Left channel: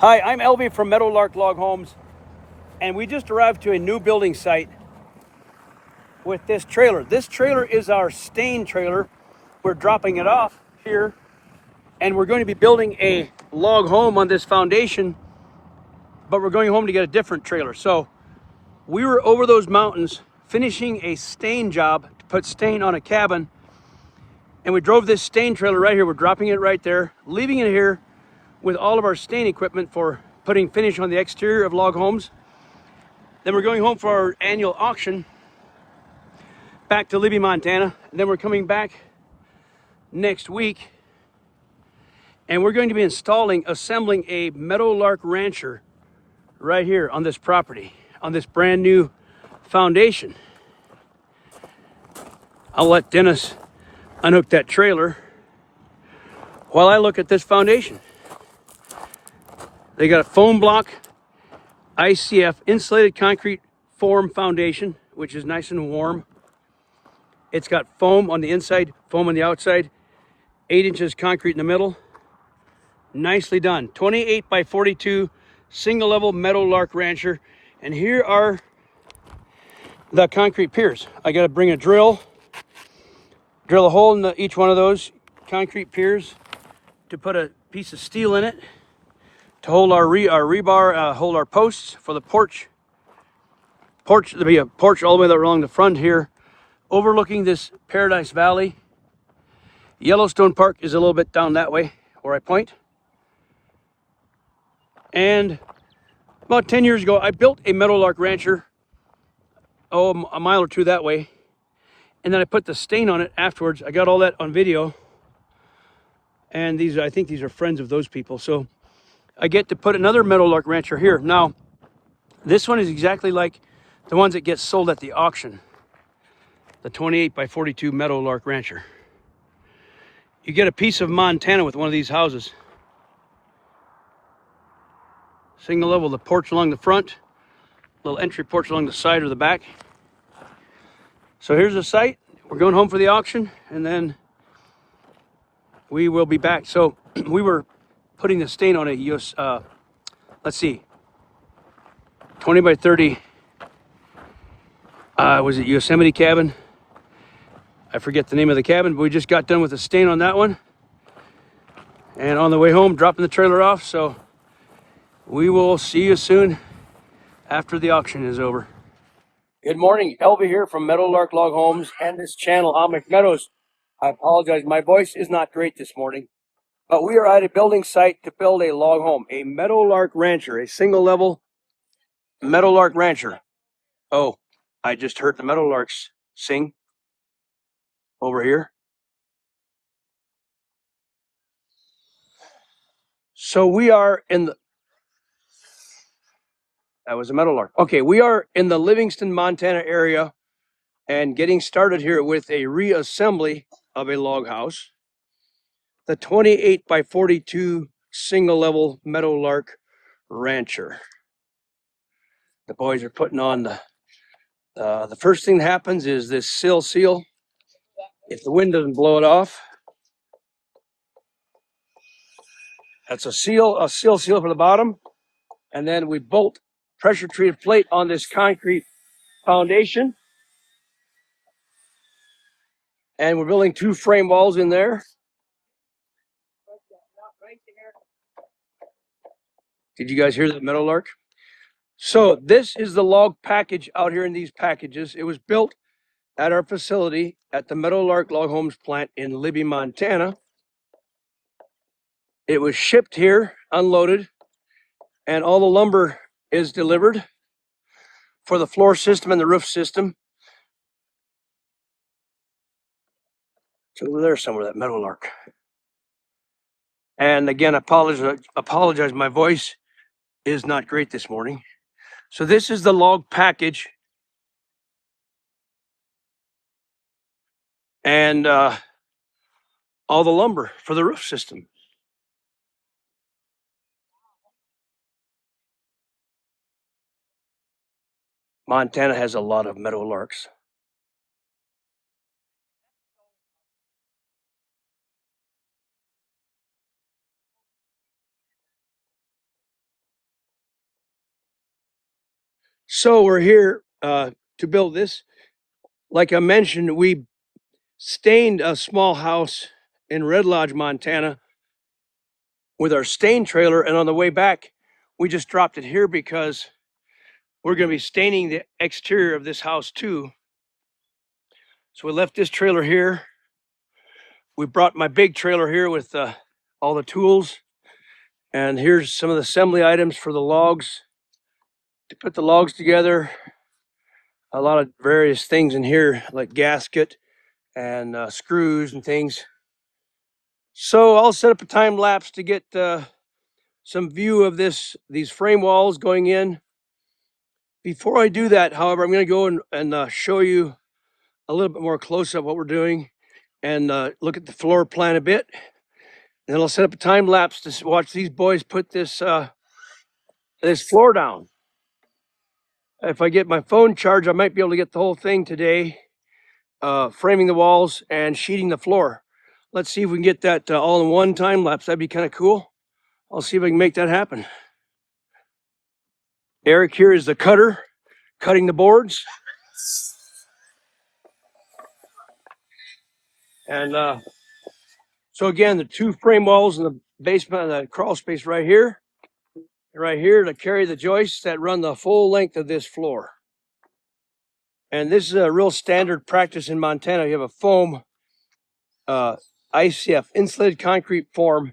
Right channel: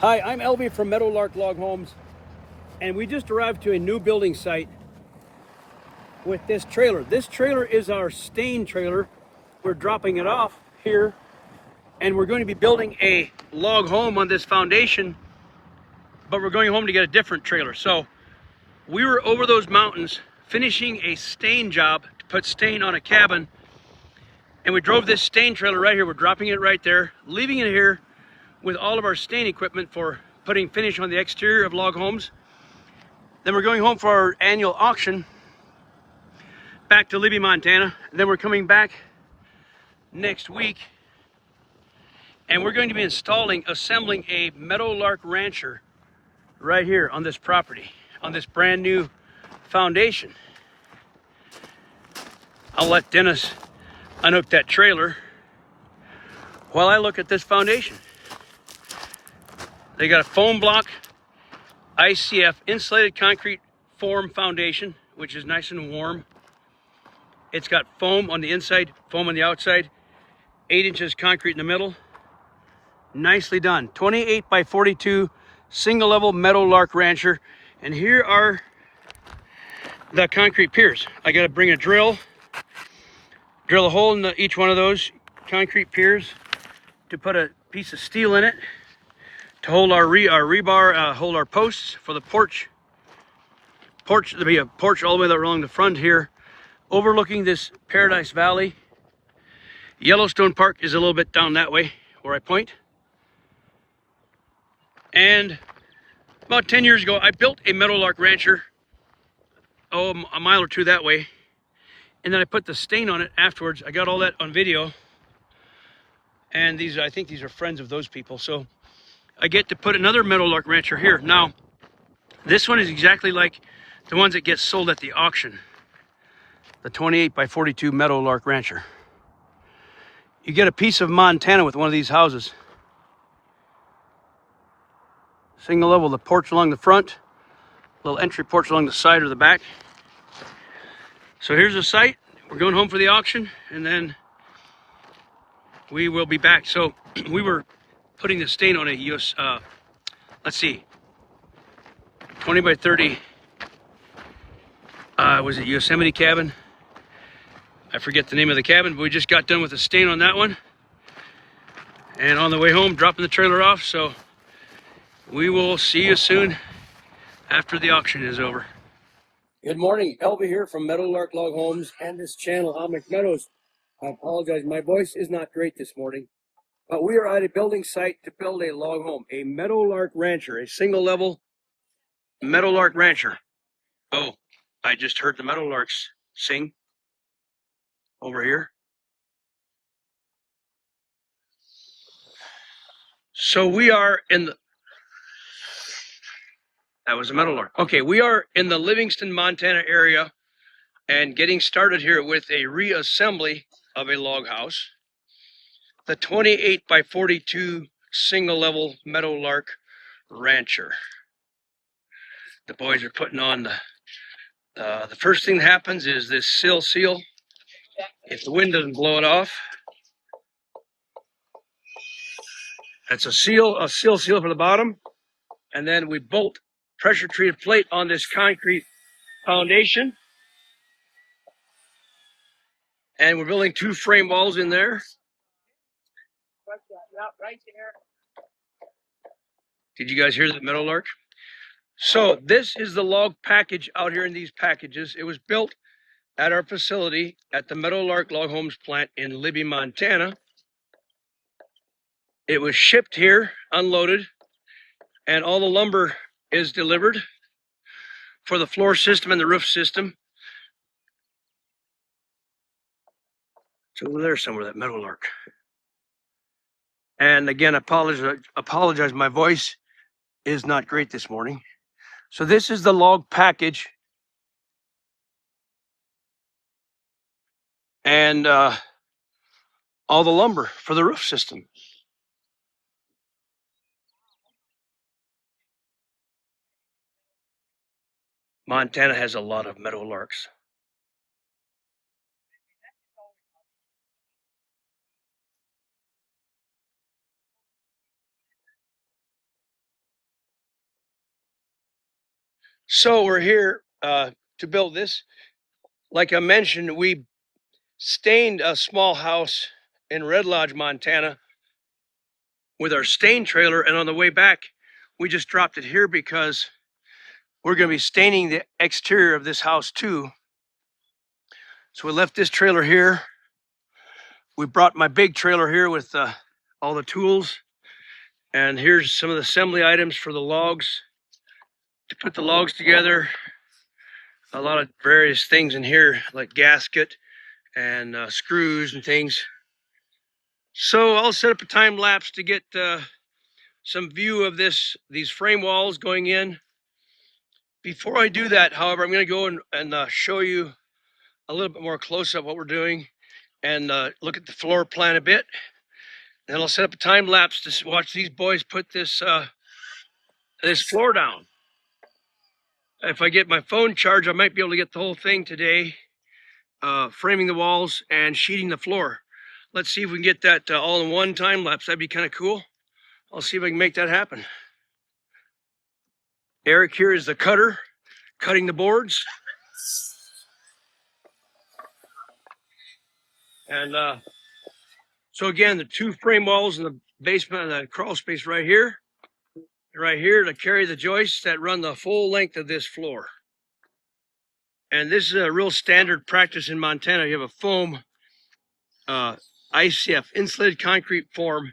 Hi, I'm Elvie from Meadowlark Log Homes, and we just arrived to a new building site with this trailer. This trailer is our stain trailer. We're dropping it off here, and we're going to be building a log home on this foundation, but we're going home to get a different trailer. So we were over those mountains finishing a stain job to put stain on a cabin, and we drove this stain trailer right here. We're dropping it right there, leaving it here with all of our stain equipment for putting finish on the exterior of log homes. Then we're going home for our annual auction back to Libby, Montana. And then we're coming back next week, and we're going to be assembling a Meadowlark Rancher right here on this property, on this brand new foundation. I'll let Dennis unhook that trailer while I look at this foundation. They got a foam block ICF insulated concrete form foundation, which is nice and warm. It's got foam on the inside, foam on the outside, 8 inches concrete in the middle. Nicely done. 28 by 42 single level Meadowlark Rancher. And here are the concrete piers. I got to bring a drill a hole in each one of those concrete piers to put a piece of steel in it to hold our rebar, hold our posts for the porch. There'll be a porch all the way along the front here, overlooking this Paradise Valley. Yellowstone Park is a little bit down that way where I point. And about 10 years ago, I built a Meadowlark Rancher, a mile or two that way. And then I put the stain on it afterwards. I got all that on video. And I think these are friends of those people. So I get to put another Meadowlark Rancher here. Now, this one is exactly like the ones that get sold at the auction. The 28 by 42 Meadowlark Rancher. You get a piece of Montana with one of these houses. Single level, the porch along the front, little entry porch along the side or the back. So here's the site. We're going home for the auction, and then we will be back. So we were putting the stain on a let's see, 20 by 30, was it Yosemite cabin? I forget the name of the cabin, but we just got done with the stain on that one. And on the way home, dropping the trailer off. So we will see you soon after the auction is over. Good morning, Elvie here from Meadowlark Log Homes and this channel, Amish Meadows. I apologize, my voice is not great this morning, but we are at a building site to build a log home, a Meadowlark Rancher, a single level Meadowlark Rancher. Oh, I just heard the meadowlarks sing over here. So we are in the, that was a meadowlark. Okay, we are in the Livingston, Montana area and getting started here with a reassembly of a log house. The 28 by 42 single level Meadowlark Rancher. The boys are putting on the first thing that happens is this sill seal. If the wind doesn't blow it off, that's a sill seal for the bottom. And then we bolt pressure treated plate on this concrete foundation. And we're building 2 frame walls in there. Did you guys hear that meadowlark? So this is the log package out here in these packages. It was built at our facility at the Meadowlark Log Homes plant in Libby, Montana. It was shipped here, unloaded, and all the lumber is delivered for the floor system and the roof system. It's over there somewhere, that meadowlark. And again, I apologize, my voice is not great this morning. So this is the log package. And all the lumber for the roof system. Montana has a lot of meadowlarks. So we're here to build this. Like I mentioned, we stained a small house in Red Lodge, Montana with our stain trailer, and on the way back, we just dropped it here because we're going to be staining the exterior of this house too. So we left this trailer here. We brought my big trailer here with all the tools, and here's some of the assembly items for the logs, to put the logs together. A lot of various things in here, like gasket and screws and things. So I'll set up a time lapse to get some view of these frame walls going in. Before I do that, however, I'm going to go and show you a little bit more close up what we're doing, and look at the floor plan a bit. And then I'll set up a time lapse to watch these boys put this floor down. If I get my phone charged, I might be able to get the whole thing today, framing the walls and sheeting the floor. Let's see if we can get that all in one time lapse. That'd be kind of cool. I'll see if I can make that happen. Eric here is the cutter, cutting the boards. And so again, the two frame walls in the basement, the crawl space right here to carry the joists that run the full length of this floor. And this is a real standard practice in Montana. You have a foam ICF, insulated concrete form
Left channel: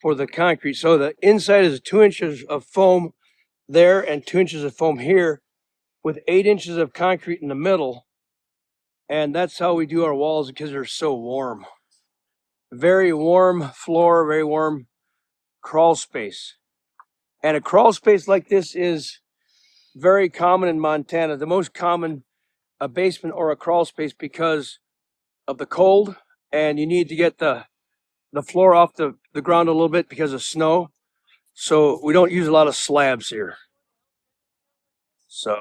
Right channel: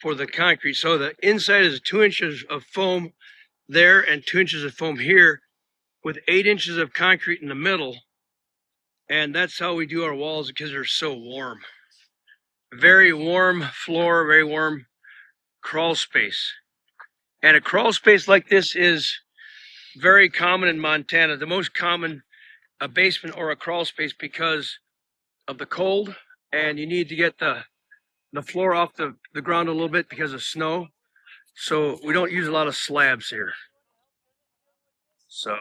for the concrete. So the inside is 2 inches of foam there and 2 inches of foam here, with 8 inches of concrete in the middle. And that's how we do our walls, because they're so warm. Very warm floor, very warm crawl space. And a crawl space like this is very common in Montana. The most common, a basement or a crawl space, because of the cold, and you need to get the floor off the ground a little bit because of snow. So we don't use a lot of slabs here. So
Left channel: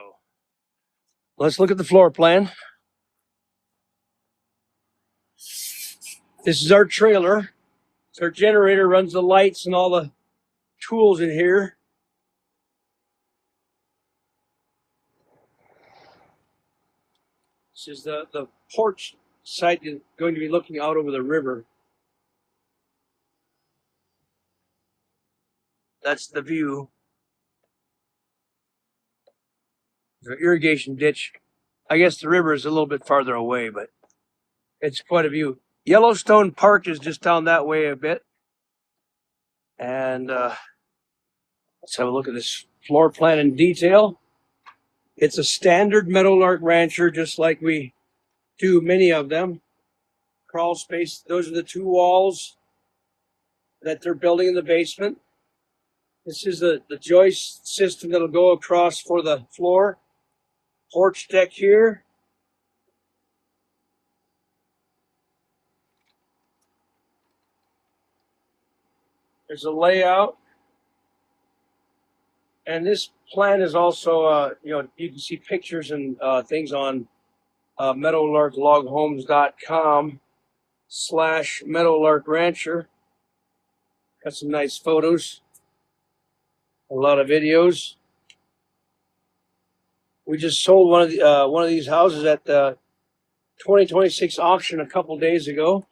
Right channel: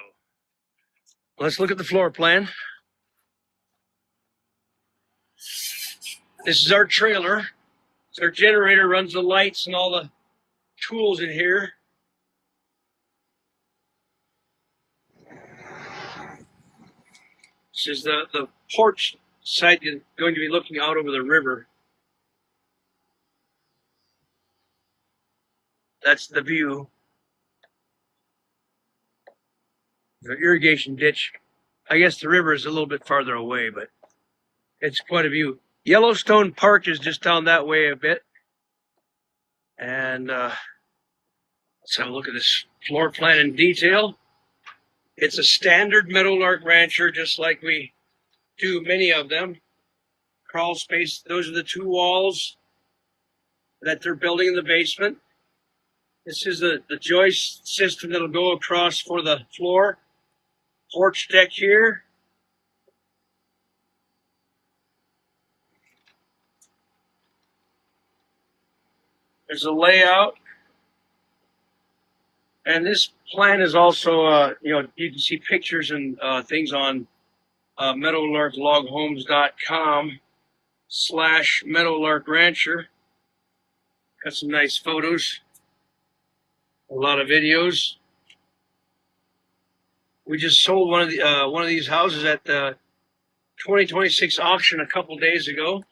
let's look at the floor plan. This is our trailer. So our generator runs the lights and all the tools in here. This is the porch side, is going to be looking out over the river. That's the view. The irrigation ditch. I guess the river is a little bit farther away, but it's quite a view. Yellowstone Park is just down that way a bit. And let's have a look at this floor plan in detail. It's a standard Meadowlark Rancher, just like we do many of them. Crawl space, those are the two walls that they're building in the basement. This is the joist system that'll go across for the floor. Porch deck here. There's a layout. And this plan is also, you can see pictures and things on meadowlarkloghomes.com/Meadowlark Rancher. Got some nice photos, a lot of videos. We just sold one of these houses at the 2026 auction a couple days ago.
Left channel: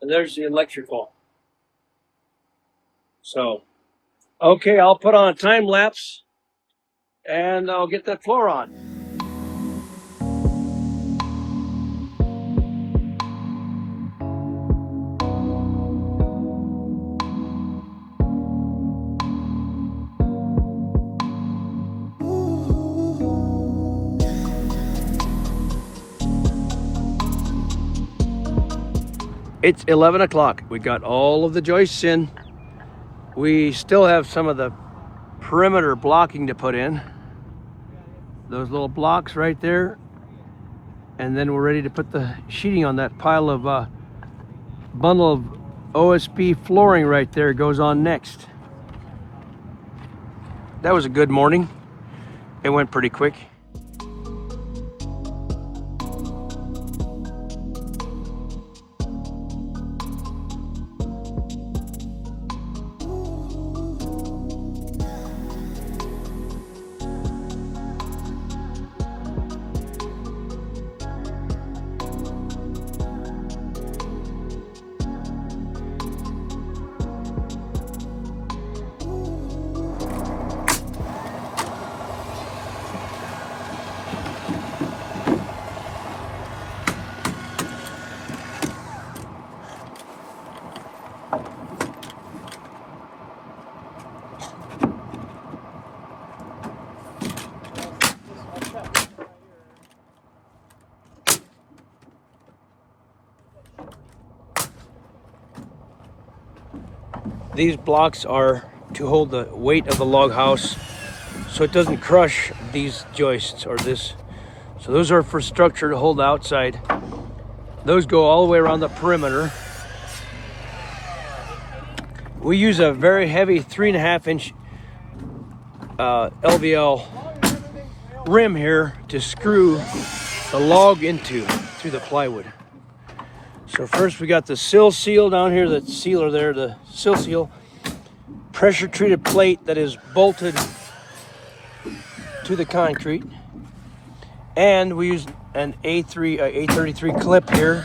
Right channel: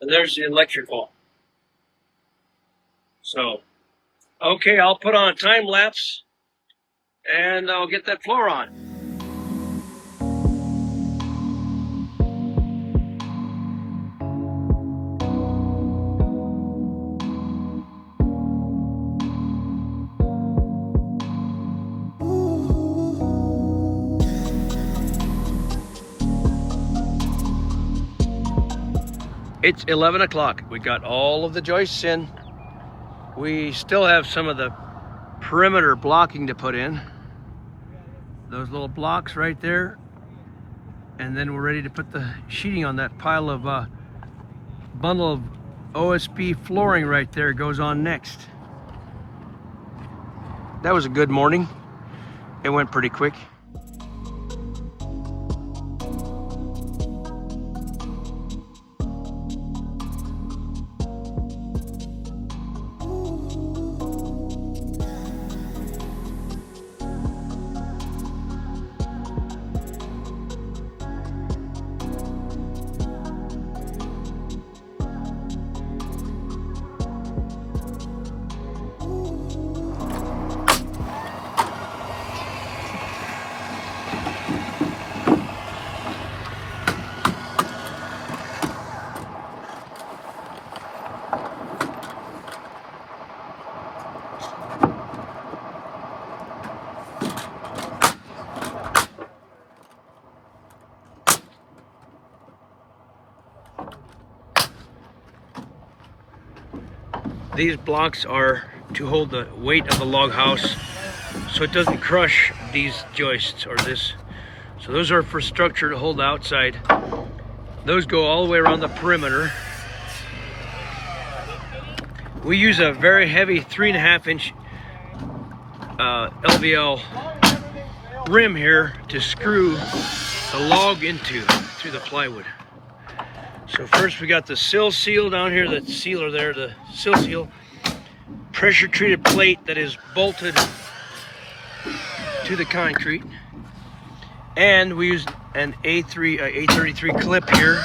And there's the electrical. So, okay, I'll put on a time lapse and I'll get that floor on. It's 11 o'clock. We got all of the joists in. We still have some of the perimeter blocking to put in. Those little blocks right there. And then we're ready to put the sheeting on that pile of bundle of OSB flooring right there. Goes on next. That was a good morning. It went pretty quick. These blocks are to hold the weight of the log house so it doesn't crush these joists or this. So those are for structure to hold the outside. Those go all the way around the perimeter. We use a very heavy 3.5 inch LVL rim here to screw the log into through the plywood. So first we got the sill seal down here, the sealer there, the sill seal, pressure treated plate that is bolted to the concrete. And we use an A33 clip here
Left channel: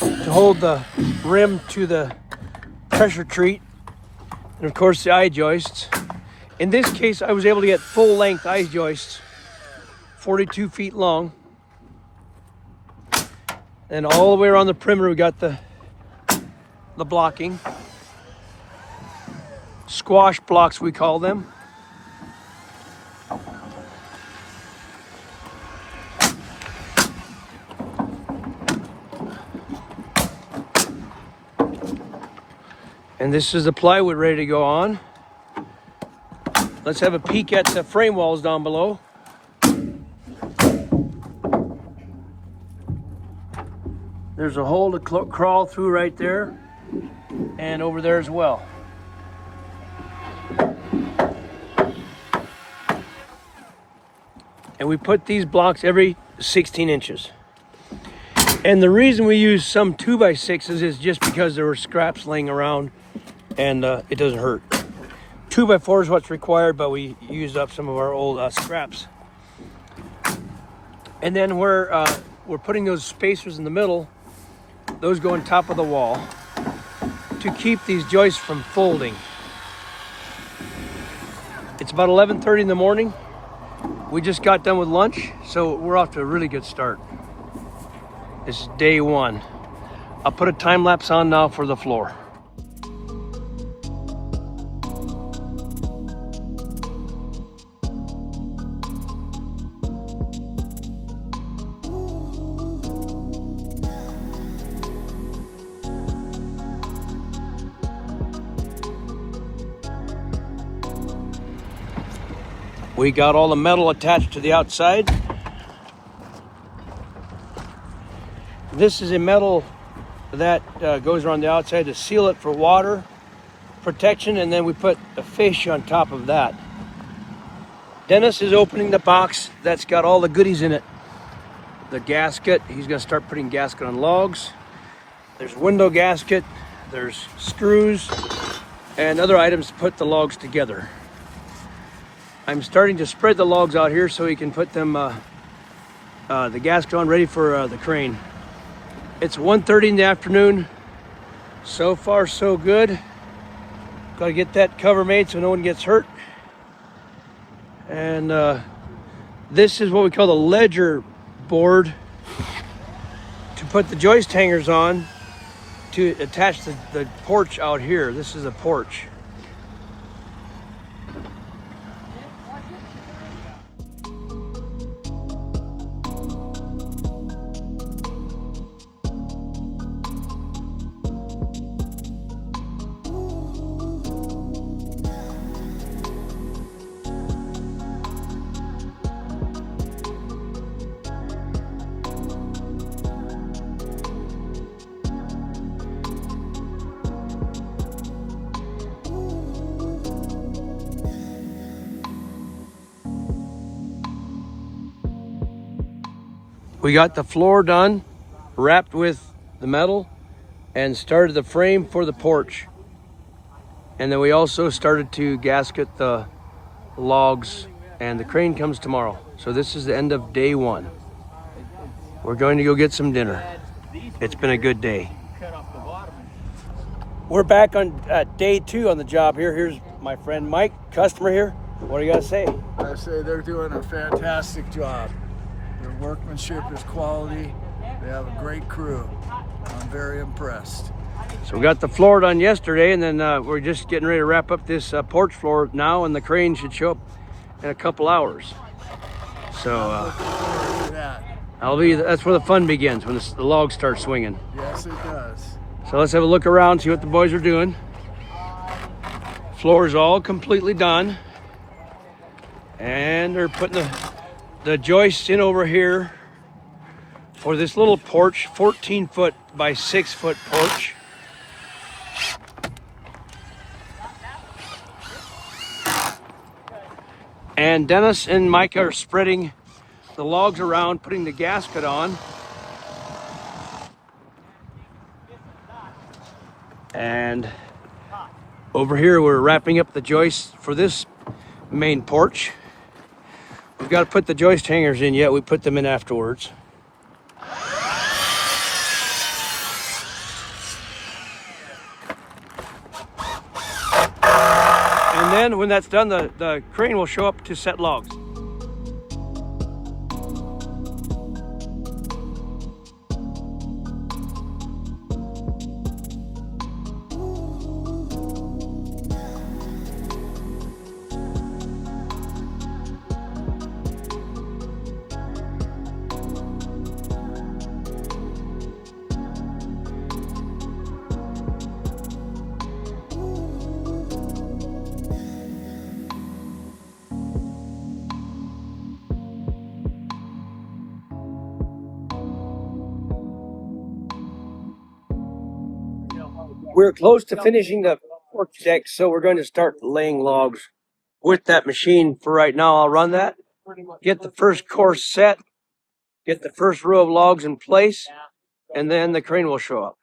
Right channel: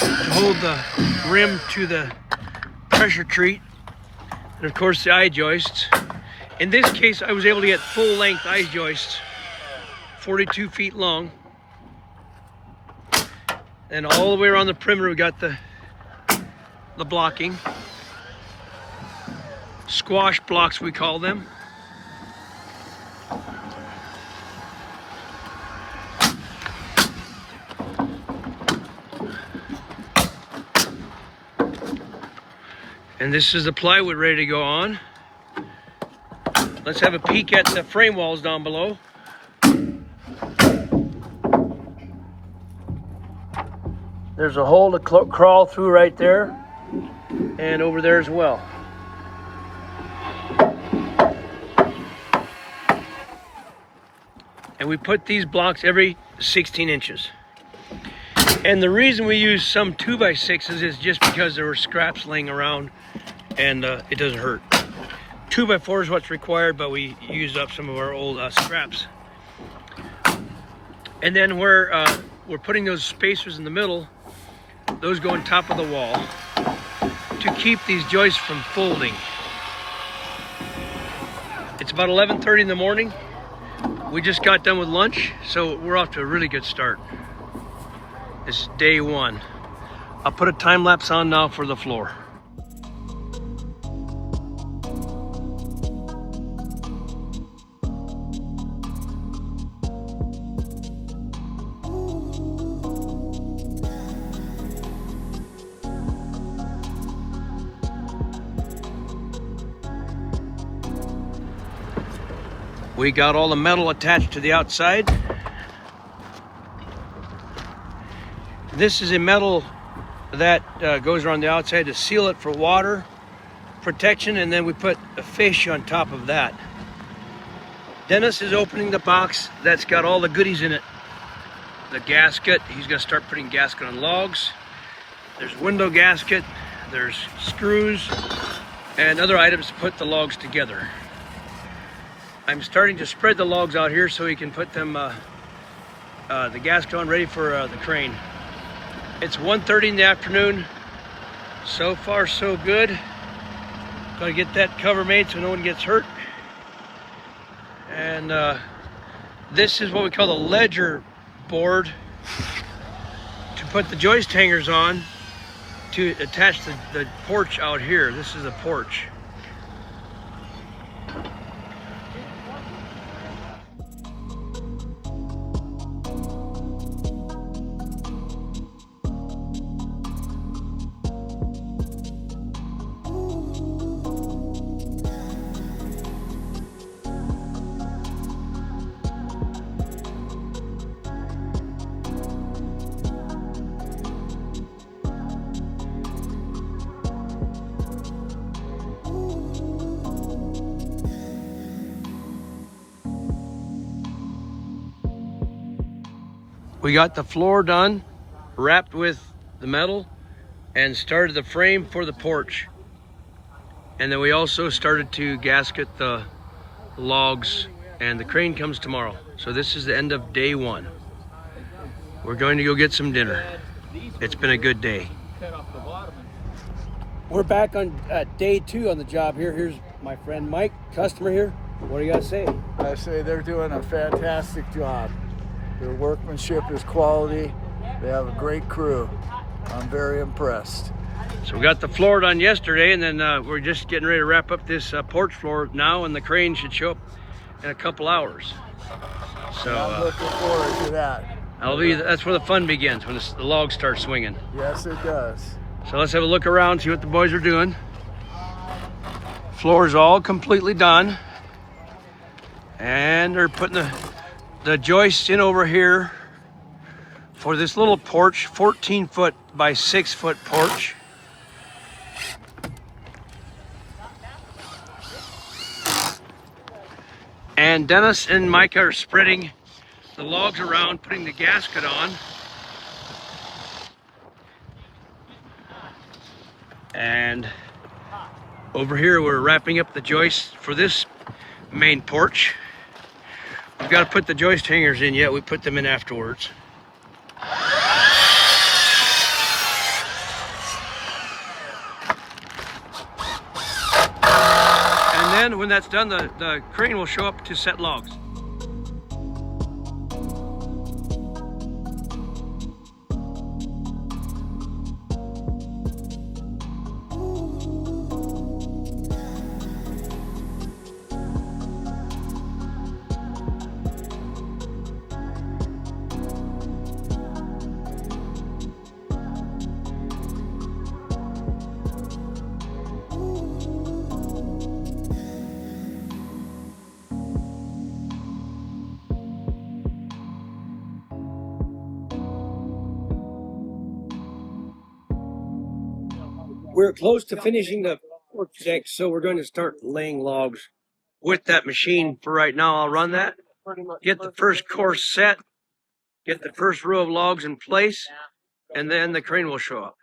to hold the rim to the pressure treat. And of course the eye joists. In this case, I was able to get full length eye joists, 42 feet long. And all the way around the perimeter, we got the blocking. Squash blocks, we call them. And this is the plywood ready to go on. Let's have a peek at the frame walls down below. There's a hole to crawl through right there, and over there as well. And we put these blocks every 16 inches. And the reason we use some 2x6s is just because there were scraps laying around and it doesn't hurt. 2x4 is what's required, but we used up some of our old scraps. And then we're putting those spacers in the middle. Those go on top of the wall to keep these joists from folding. It's about 11:30 in the morning. We just got done with lunch, so we're off to a really good start. This is day one. I'll put a time lapse on now for the floor. We got all the metal attached to the outside. This is a metal that goes around the outside to seal it for water protection, and then we put a fish on top of that. Dennis is opening the box that's got all the goodies in it. The gasket, he's gonna start putting gasket on logs. There's window gasket, there's screws, and other items to put the logs together. I'm starting to spread the logs out here so he can put them, the gasket on, ready for the crane. It's 1:30 in the afternoon. So far, so good. Gotta get that cover made so no one gets hurt. And this is what we call the ledger board to put the joist hangers on to attach the porch out here. This is a porch. We got the floor done, wrapped with the metal, and started the frame for the porch. And then we also started to gasket the logs, and the crane comes tomorrow. So this is the end of day one. We're going to go get some dinner. It's been a good day. We're back on day two on the job here. Here's my friend Mike, customer here. What do you got to say? I say they're doing a fantastic job. Their workmanship is quality. They have a great crew. I'm very impressed. So we got the floor done yesterday, and then we're just getting ready to wrap up this porch floor now, and the crane should show up in a couple hours. So I'm looking forward to that. that's where the fun begins, when the logs start swinging. Yes, it does. So let's have a look around, see what the boys are doing. Floor is all completely done, and they're putting the joists in over here for this little porch, 14-foot by 6-foot porch. And Dennis and Mike are spreading the logs around, putting the gasket on. And over here, we're wrapping up the joists for this main porch. We've got to put the joist hangers in yet. We put them in afterwards. And then when that's done, the crane will show up to set logs. We're close to finishing the porch deck, so we're going to start laying logs with that machine. For right now, I'll run that, get the first course set, get the first row of logs in place, and then the crane will show up.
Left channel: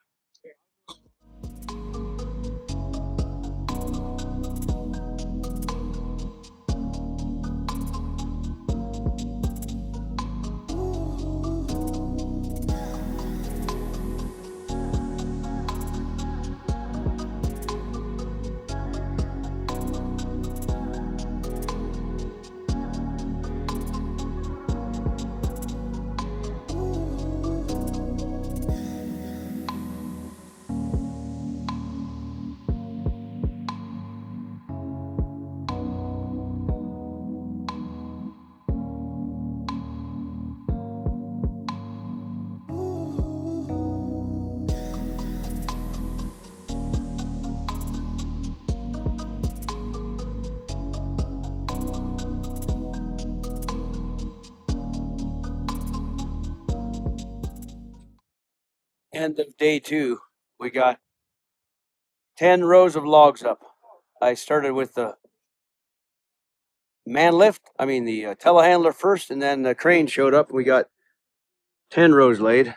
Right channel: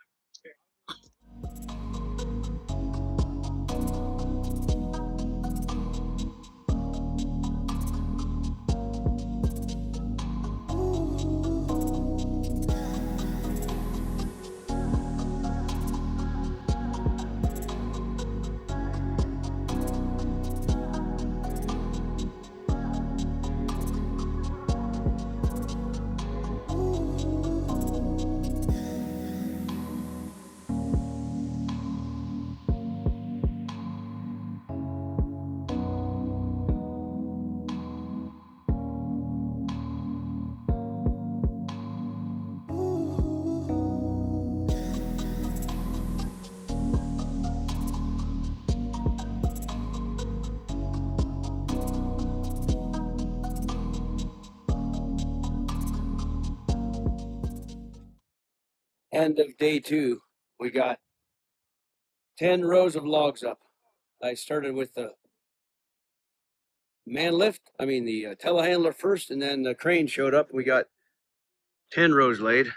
End of day 2, we got 10 rows of logs up. I started with the the telehandler first, and then the crane showed up. We got 10 rows laid.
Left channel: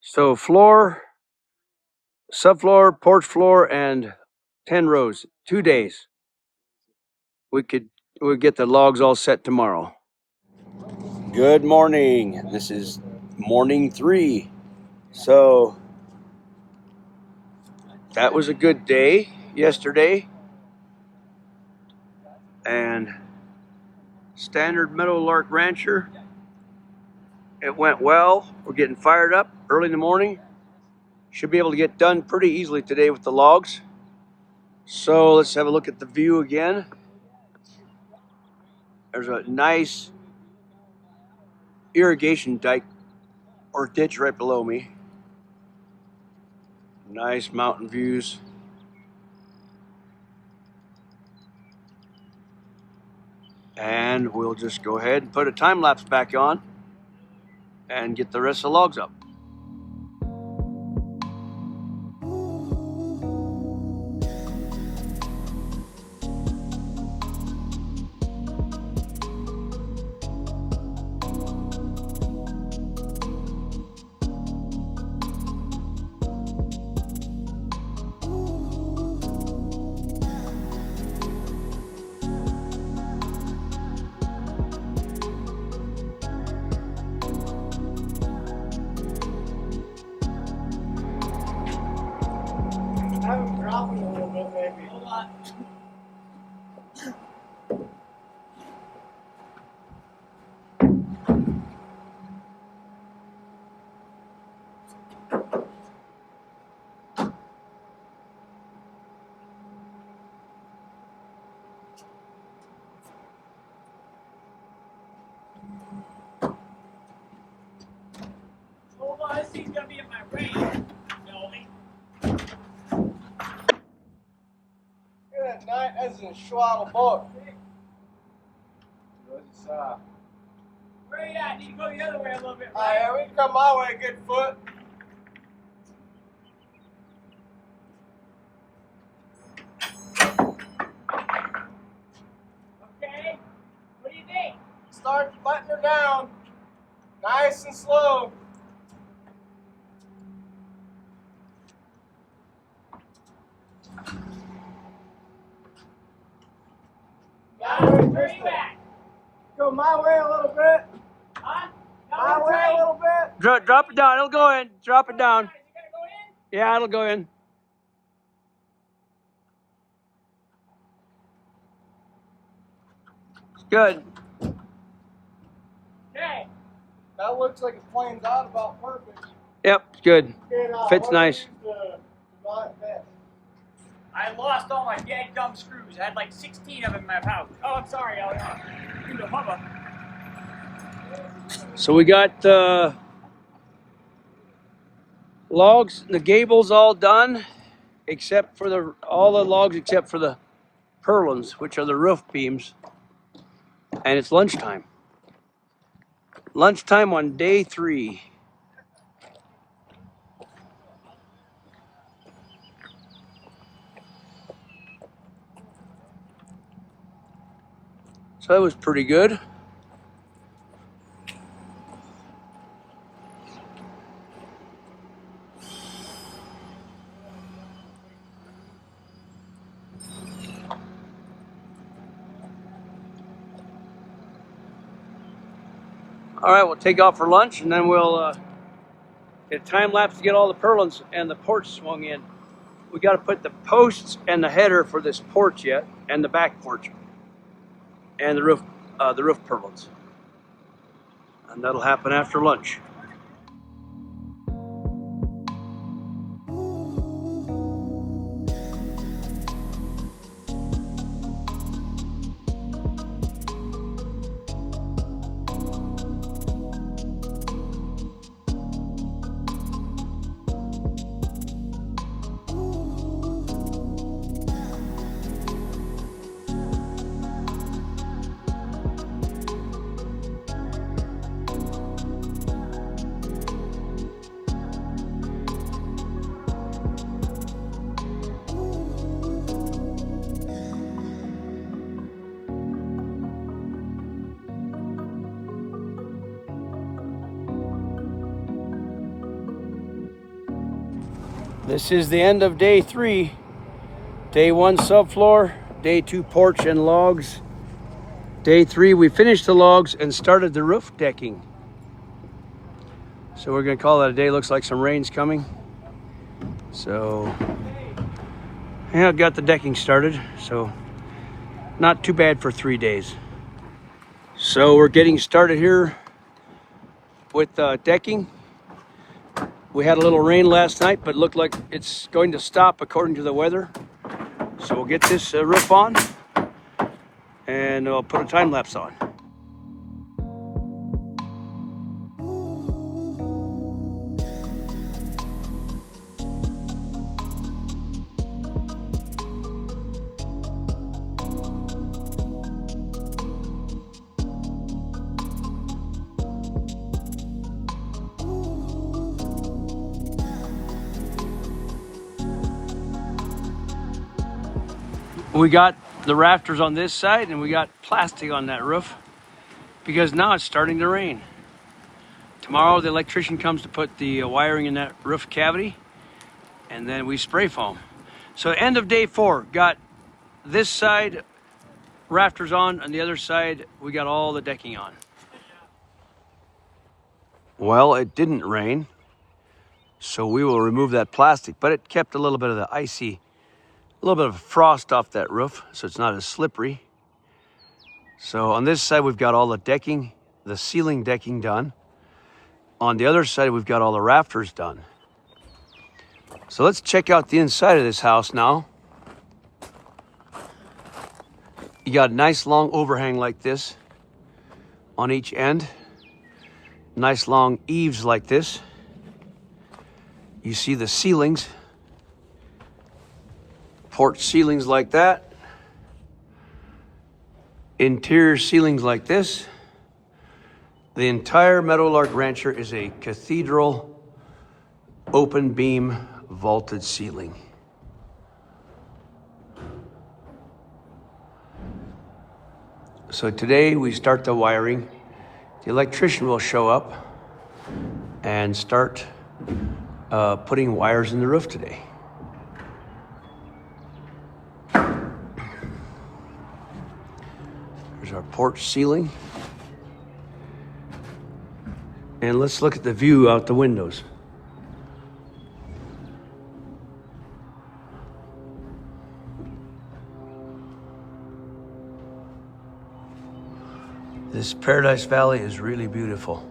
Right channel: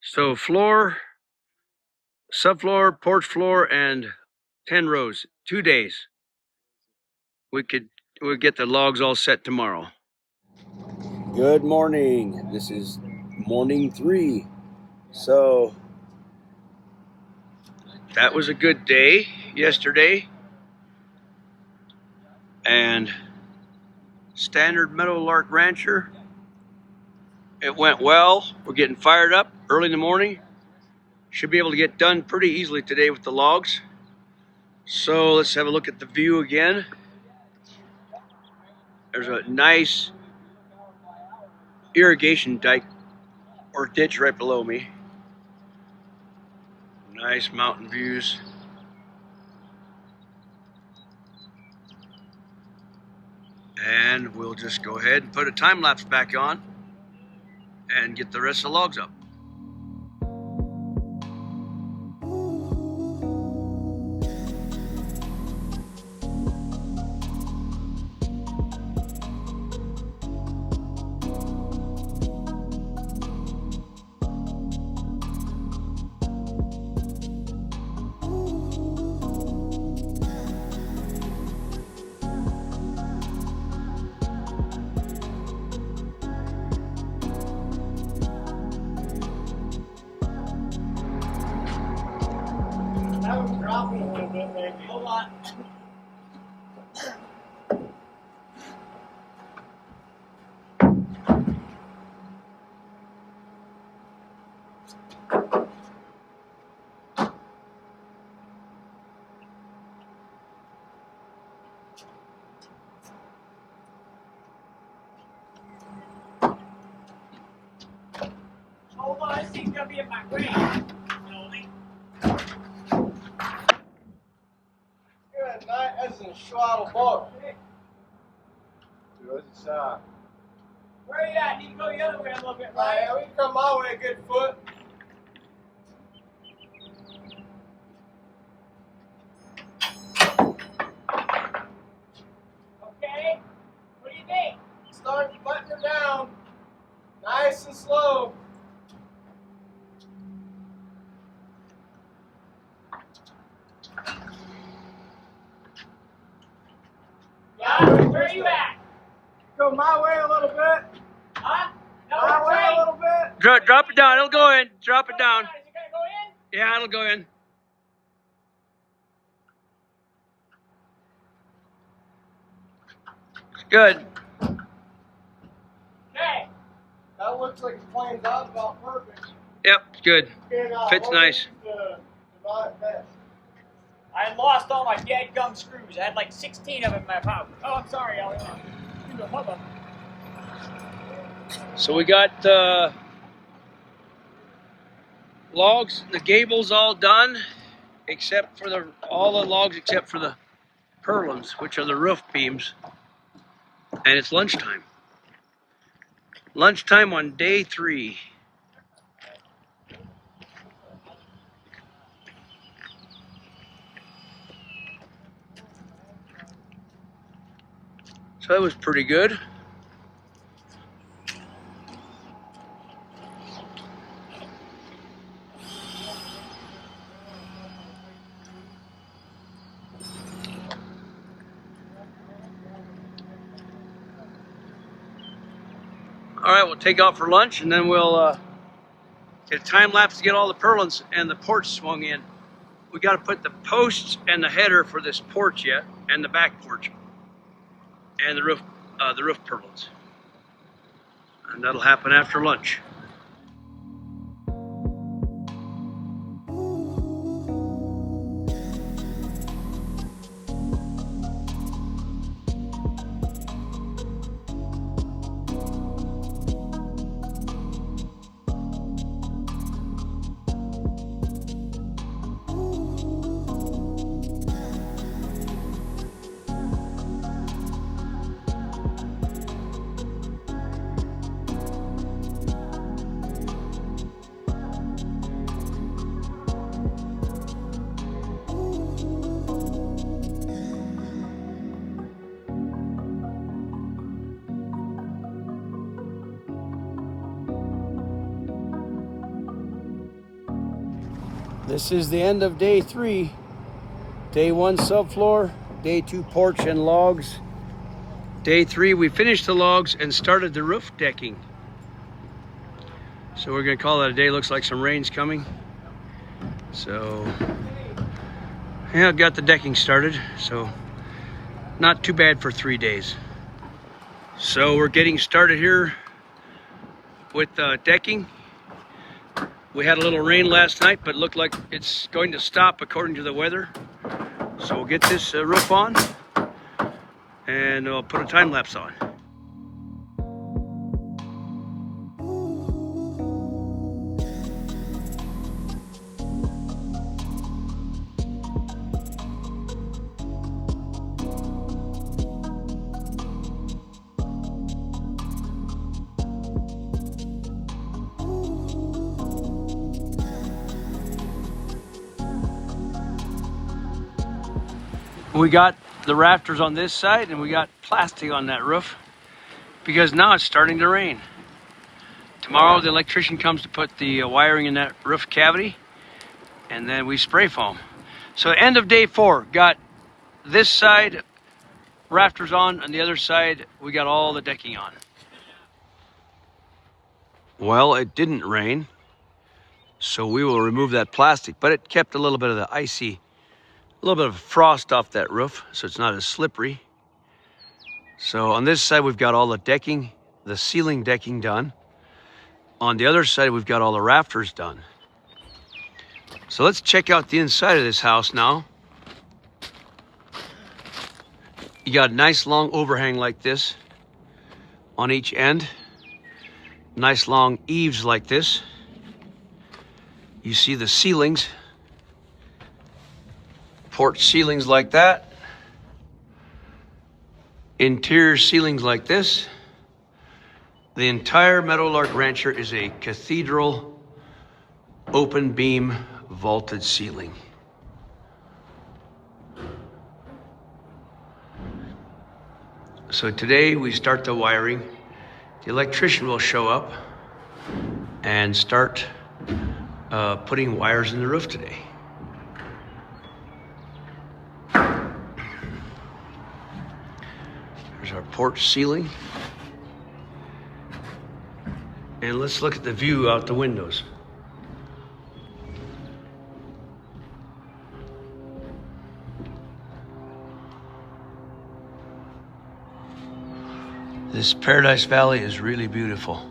So floor, subfloor, porch floor, and 10 rows, 2 days. We'll get the logs all set tomorrow. Good morning. This is morning 3. So that was a good day yesterday. And standard Meadowlark Rancher, it went well. We're getting fired up early in the morning. Should be able to get done pretty easily today with the logs. So let's have a look at the view again. There's a nice irrigation dike or ditch right below me. Nice mountain views. And we'll just go ahead and put a time lapse back on and get the rest of the logs up. Hold on, this thing's gonna be in my way. Elvie. Good night as in schwaddle book. Where Where are you at? Need to go the other way a little bit. yeah, we can come my way, good foot. Okay. What do you think? Start letting her down. Nice and slow. Where are you at? Go my way a little bit. Huh? No, My we're way a trying. little bit. Drop it down. It'll go in. Drop it down. Is it gonna go in? Yeah, it'll go in. Good. Okay. That looks like it planes out about perfect. Yep, good. Okay, Fits what nice. do you use to divide best? I lost all my dead gum screws. I had like 16 of them in my house. Oh, I'm sorry, Elvie. Through the hubba. So we got logs, the gables all done, except for all the logs except for the purlins, which are the roof beams. And it's lunchtime. Lunchtime on day 3. So that was pretty good. All right, we'll take off for lunch and then we'll get a time lapse to get all the purlins and the porch swung in. We got to put the posts and the header for this porch yet, and the back porch, and the roof purlins, and that'll happen after lunch. This is the end of day 3. Day 1 subfloor, day 2 porch and logs. Day 3 we finished the logs and started the roof decking. So we're gonna call that a day. Looks like some rain's coming. So yeah, got the decking started. So not too bad for 3 days. So we're getting started here with decking. We had a little rain last night, but it looked like it's going to stop according to the weather. So we'll get this roof on and we'll put a time lapse on. We got the rafters on this side and we got plastic on that roof because now it's starting to rain. Tomorrow the electrician comes to put the wiring in that roof cavity and then we spray foam. So end of day 4, got this side rafters on and the other side we got all the decking on. Well, it didn't rain, so we will remove that plastic, but it kept a little bit of the a little bit of frost off that roof, so it's not as slippery. So on this side, we've got all the decking, the ceiling decking done. On the other side, we've got all the rafters done. So let's check out the inside of this house now. You got a nice long overhang like this on each end. Nice long eaves like this. You see the ceilings, porch ceilings like that, interior ceilings like this. The entire Meadowlark Rancher is a cathedral open beam vaulted ceiling. So today we start the wiring. The electrician will show up and start putting wires in the roof today. There's our porch ceiling. And let's look at the view out the windows. This Paradise Valley is really beautiful.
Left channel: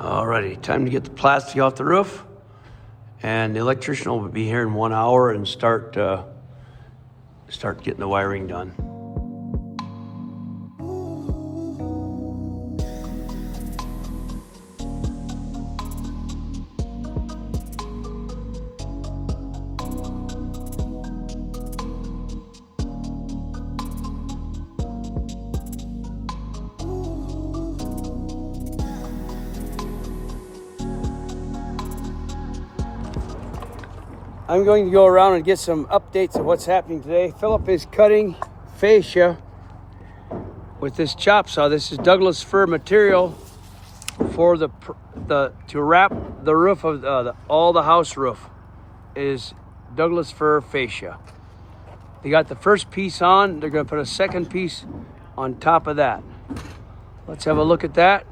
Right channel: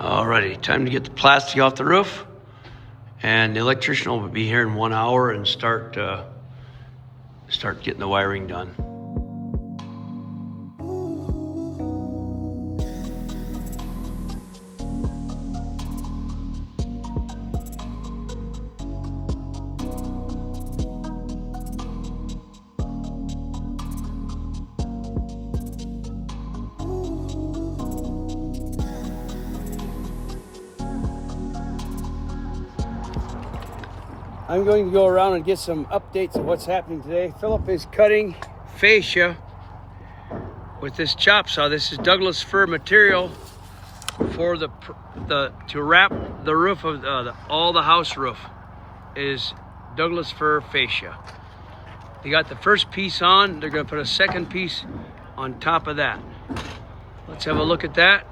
Alrighty, time to get the plastic off the roof, and the electrician will be here in 1 hour and start getting the wiring done. I'm going to go around and get some updates of what's happening today. Philip is cutting fascia with this chop saw. This is Douglas fir material for to wrap the roof of all the house roof is Douglas fir fascia. They got the first piece on. They're going to put a second piece on top of that. Let's have a look at that.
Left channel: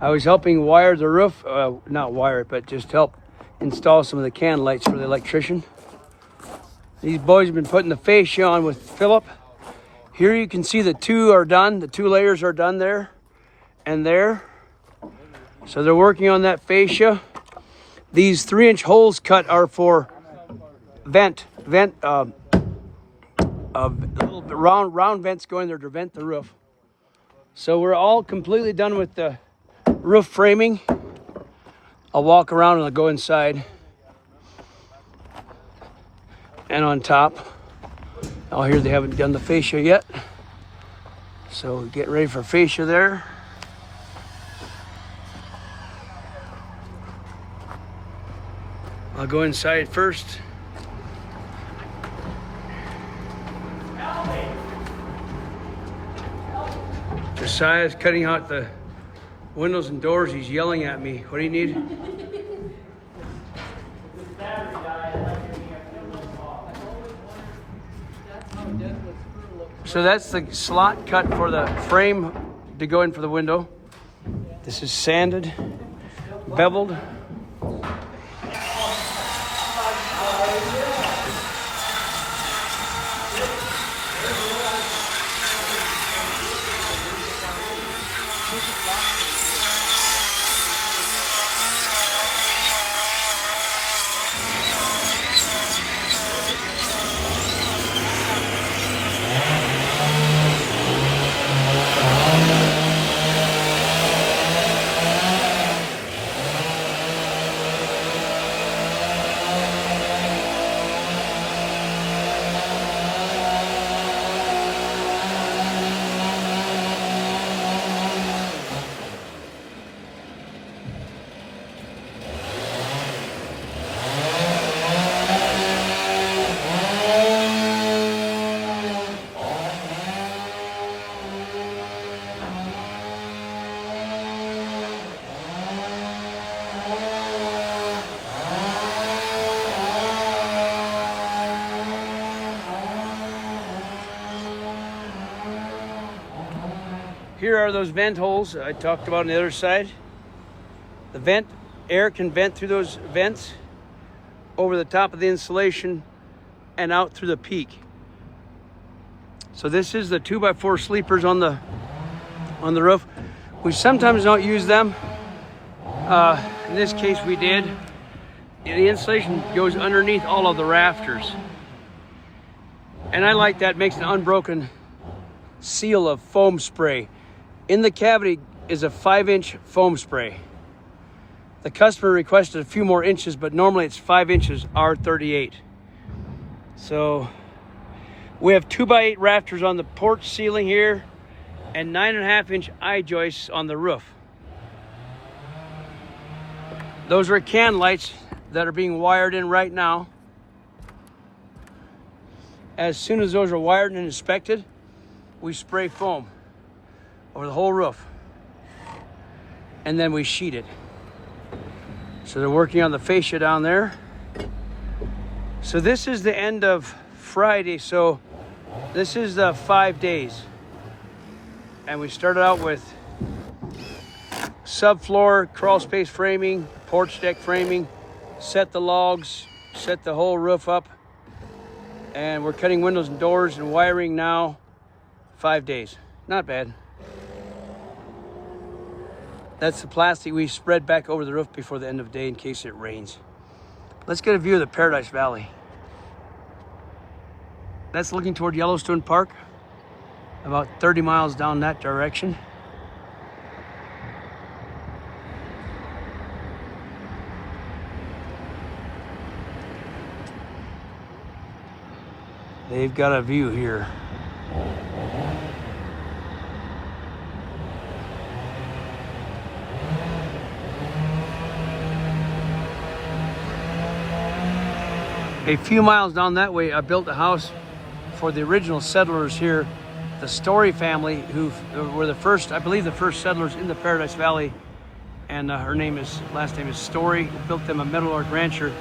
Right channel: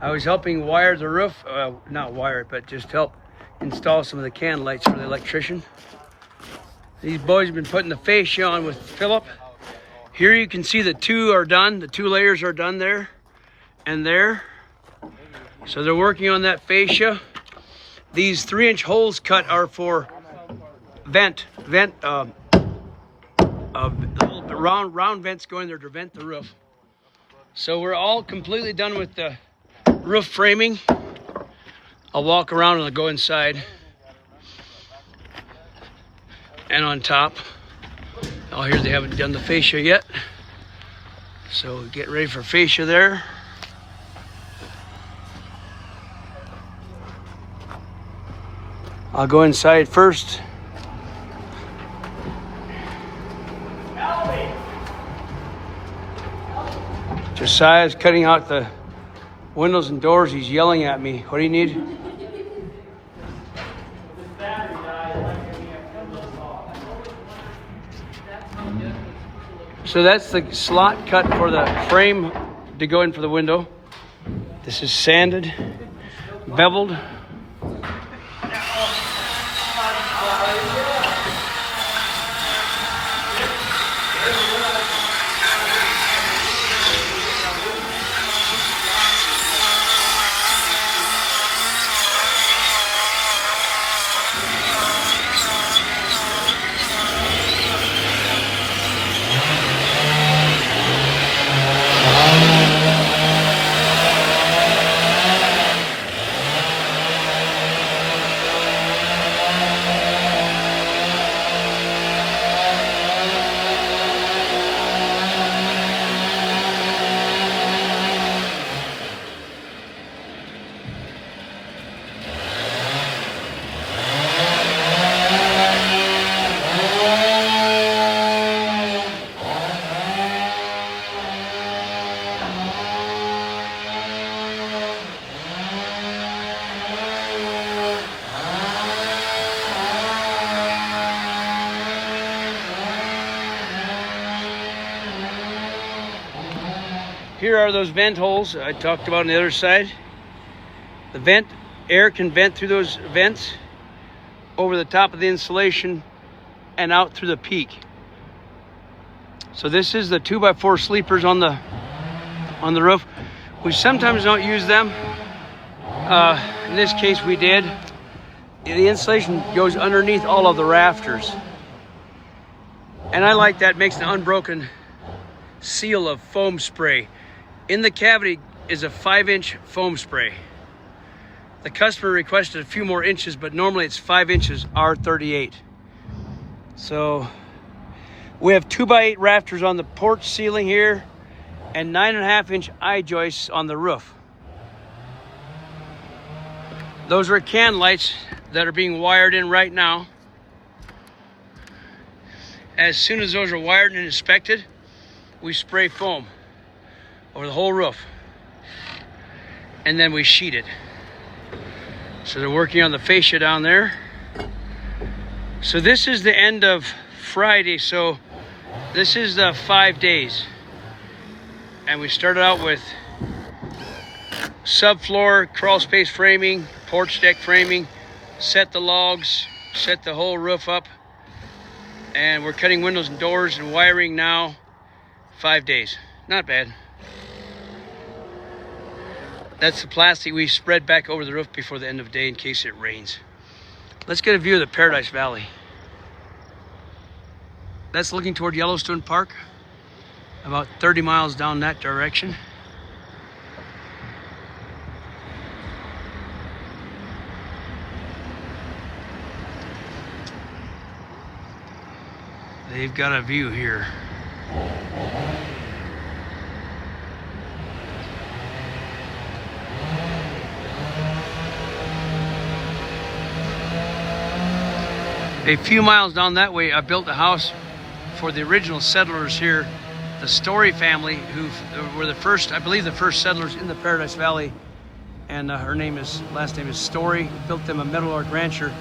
I was helping wire the roof, not wire it, but just help install some of the can lights for the electrician. These boys have been putting the fascia on with Philip. Here you can see the two are done. The 2 layers are done there and there. So they're working on that fascia. These 3-inch holes cut are for little round vents going there to vent the roof. So we're all completely done with the roof framing. I'll walk around and I'll go inside and on top. Oh, here they haven't done the fascia yet, so get ready for fascia there. I'll go inside first. Josiah's cutting out the windows and doors. He's yelling at me. What do you need? So that's the slot cut for the frame to go in for the window. This is sanded, beveled. Here are those vent holes I talked about on the other side. The air can vent through those vents over the top of the insulation and out through the peak. So this is the 2x4 sleepers on the roof. We sometimes don't use them. In this case we did. The insulation goes underneath all of the rafters. And I like that, makes an unbroken seal of foam spray. In the cavity is a 5-inch foam spray. The customer requested a few more inches, but normally it's 5 inches R38. So we have 2x8 rafters on the porch ceiling here and 9.5-inch I-joists on the roof. Those are can lights that are being wired in right now. As soon as those are wired and inspected, we spray foam over the whole roof. And then we sheet it. So they're working on the fascia down there. So this is the end of Friday. So this is the 5 days. And we started out with subfloor, crawl space framing, porch deck framing, set the logs, set the whole roof up. And we're cutting windows and doors and wiring now. 5 days. Not bad. That's the plastic we spread back over the roof before the end of the day in case it rains. Let's get a view of the Paradise Valley. That's looking toward Yellowstone Park, about 30 miles down that direction. They've got a view here. A few miles down that way, I built a house for the original settlers here, the Story family, who were the first, I believe, the first settlers in the Paradise Valley. And her last name is Story. Built them a Meadowlark Rancher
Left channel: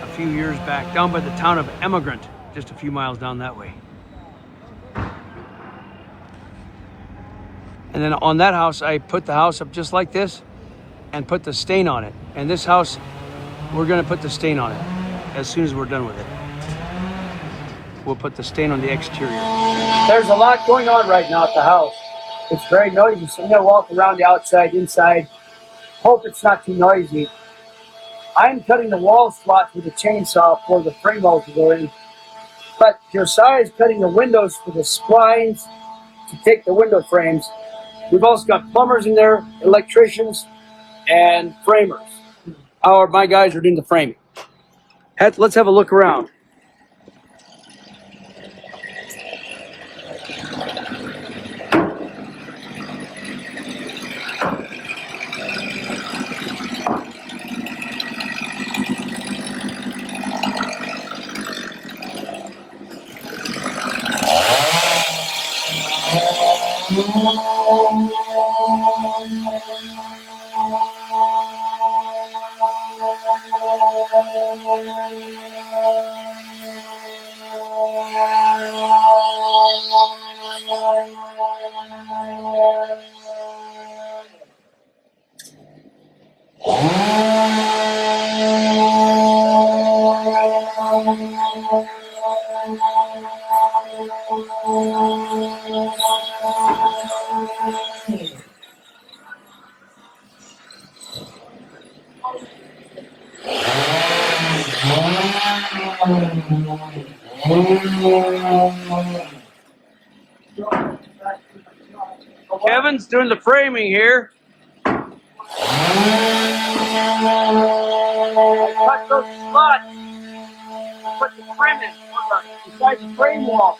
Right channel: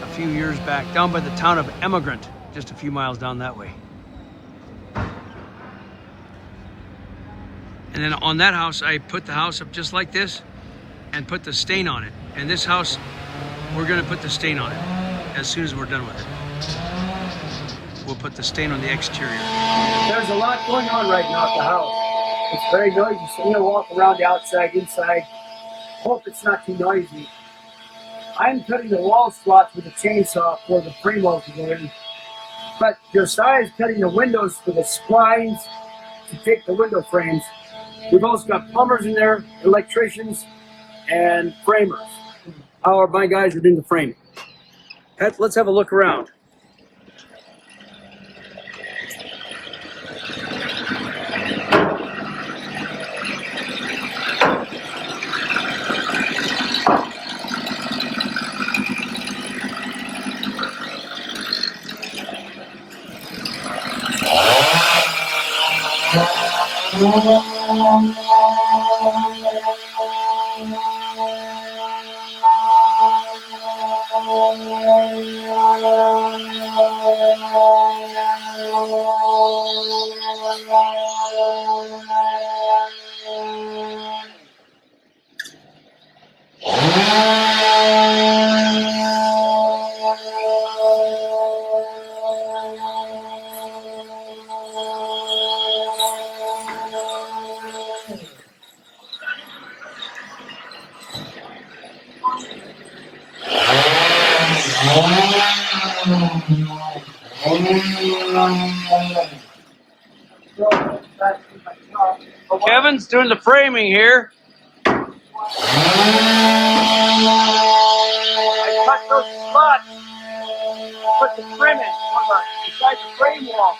a few years back, down by the town of Emigrant, just a few miles down that way. And then on that house, I put the house up just like this and put the stain on it. And this house, we're gonna put the stain on it as soon as we're done with it. We'll put the stain on the exterior. There's a lot going on right now at the house. It's very noisy, so I'm gonna walk around the outside, inside. Hope it's not too noisy. I'm cutting the wall slots with a chainsaw for the frame walls to go in. But Josiah's cutting the windows for the splines to take the window frames. We've also got plumbers in there, electricians, and framers. My guys are doing the framing. Let's have a look around. Kevin's doing the framing here. I cut those slots, put the trim in inside the frame wall.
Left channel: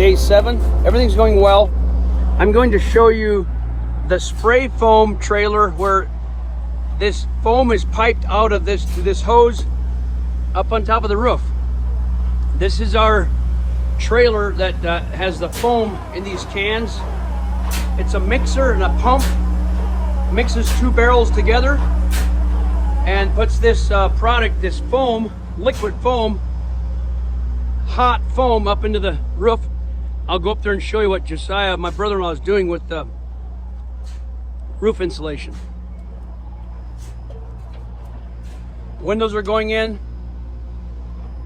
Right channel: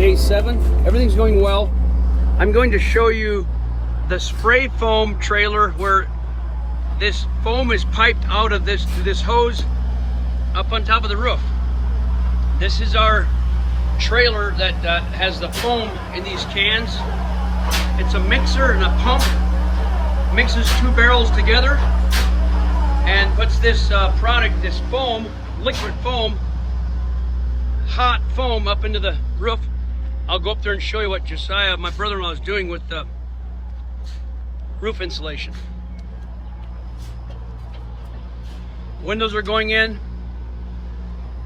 day 7. Everything's going well. I'm going to show you the spray foam trailer where this foam is piped out of this hose up on top of the roof. This is our trailer that has the foam in these cans. It's a mixer and a pump. Mixes 2 barrels together and puts this product, this foam, liquid foam, hot foam up into the roof. I'll go up there and show you what Josiah, my brother-in-law, is doing with the roof insulation. Windows are going in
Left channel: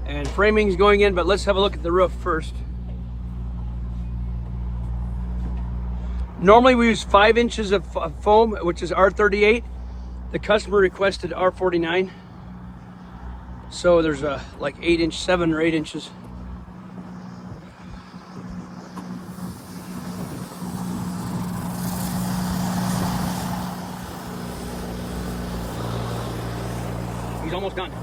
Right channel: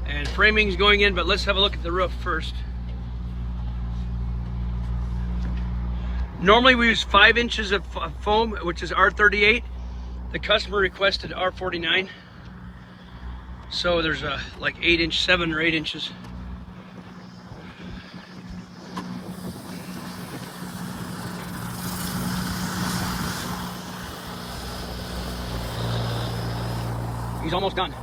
and framing's going in, but let's have a look at the roof first. Normally we use 5 inches of foam, which is R38. The customer requested R49. So there's like 7 or 8 inches. He's almost done.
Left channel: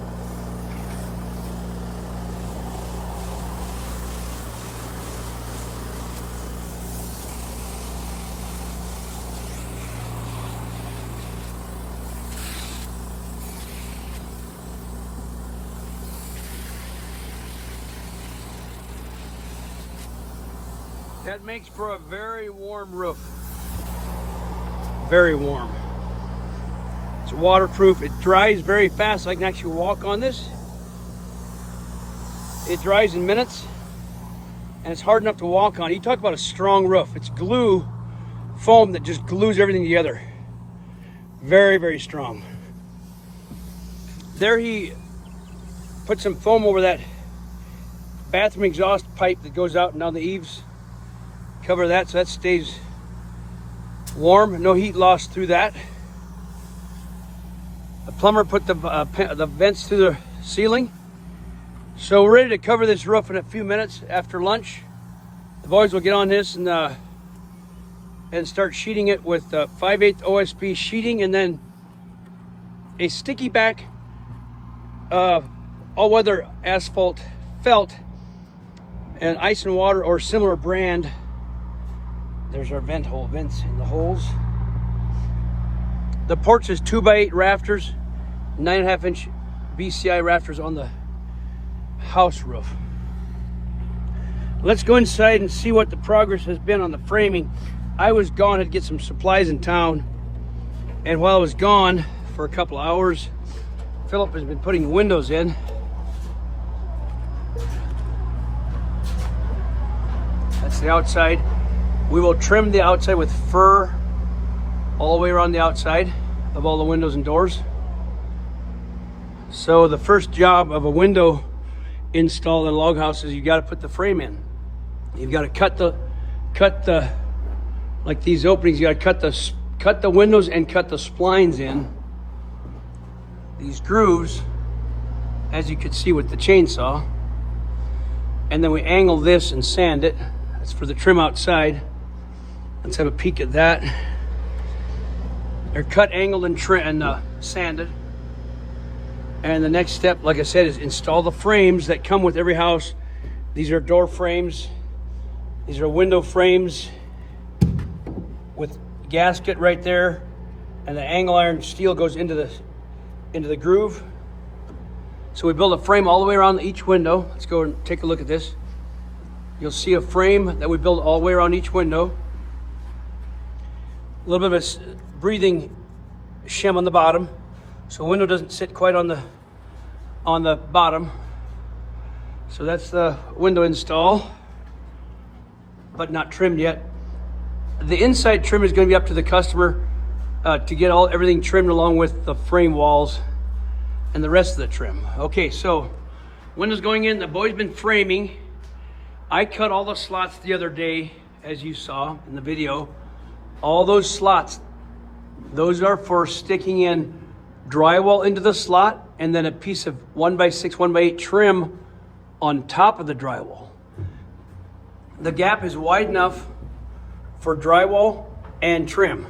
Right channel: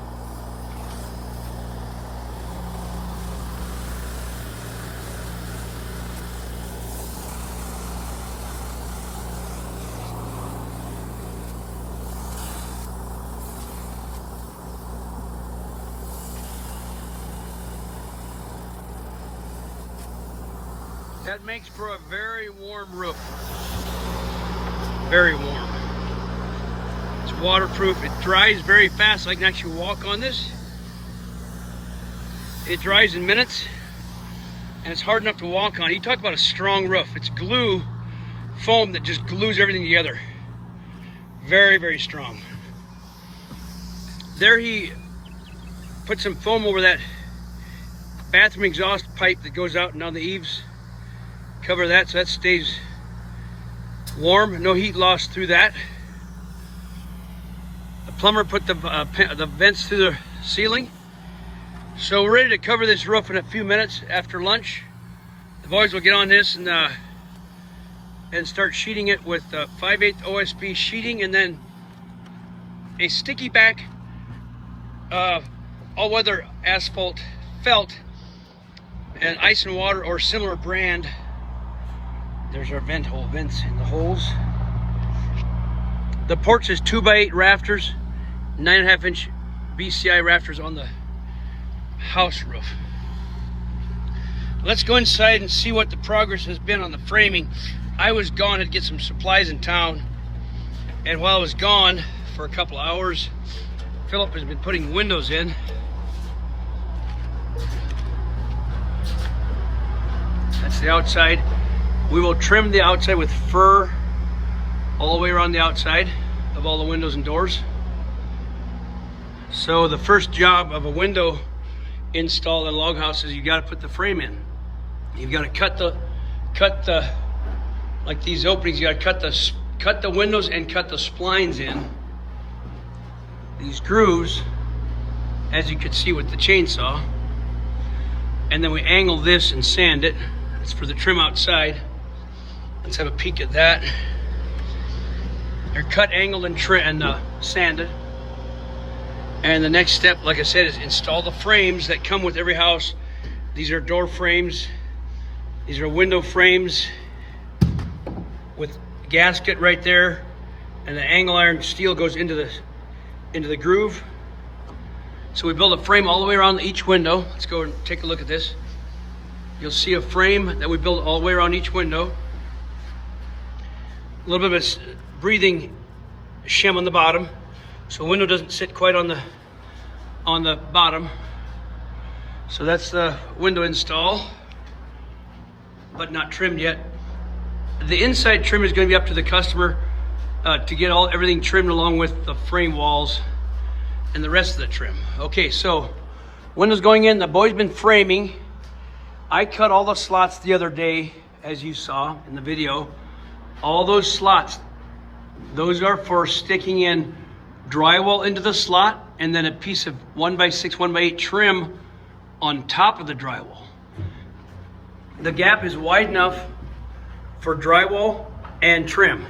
That makes for a very warm roof. Very warm. It's waterproof. It dries very fast. I can actually walk on this. It dries in minutes and it's hard enough to walk on. You talk about a strong roof. It's glue foam that just glues everything together. Very, very strong. There he put some foam over that bathroom exhaust pipe that goes out and down the eaves. Cover that so that stays warm. No heat loss through that. The plumber put the vents through the ceiling. So we're ready to cover this roof in a few minutes after lunch. The boys will get on this and start sheeting it with 5/8 OSB sheeting and then a sticky back all-weather asphalt felt and ice and water or similar brand. There's our vents in the holes. The porch is 2x8 rafters, 9.5 inch BCI rafters on the house roof. Let's go inside and see what the progress has been on the framing. I was gone to get some supplies in town, and while I was gone for a couple of hours, Philip has been putting windows in. That's the outside. We will trim the outside with fir all the way around the outside of all the windows and doors. So the first job of a window install in a log house is you got to put the frame in. You've got to cut the like these openings. You got to cut the windows and cut the splines in. These grooves, as you could see with the chainsaw, and then we angle this and sand it. That's for the trim outside. Let's have a peek at that. They're cut, angled, and sanded. And the next step, like I said, is install the frames that come with every house. These are door frames. These are window frames with gasket right there, and the angle iron steel goes into the groove. So we build a frame all the way around each window. Let's go and take a look at this. You'll see a frame that we build all the way around each window. A little bit of a breathing shim on the bottom, so the window doesn't sit quite on the bottom. So that's the window install, but not trimmed yet. The inside trim is going to be up to the customer to get everything trimmed along with the frame walls and the rest of the trim. Okay, so windows going in. The boy's been framing. I cut all the slots the other day, as you saw in the video. All those slots, those are for sticking in drywall into the slot and then a piece of 1x6, 1x8 trim on top of the drywall. The gap is wide enough for drywall and trim.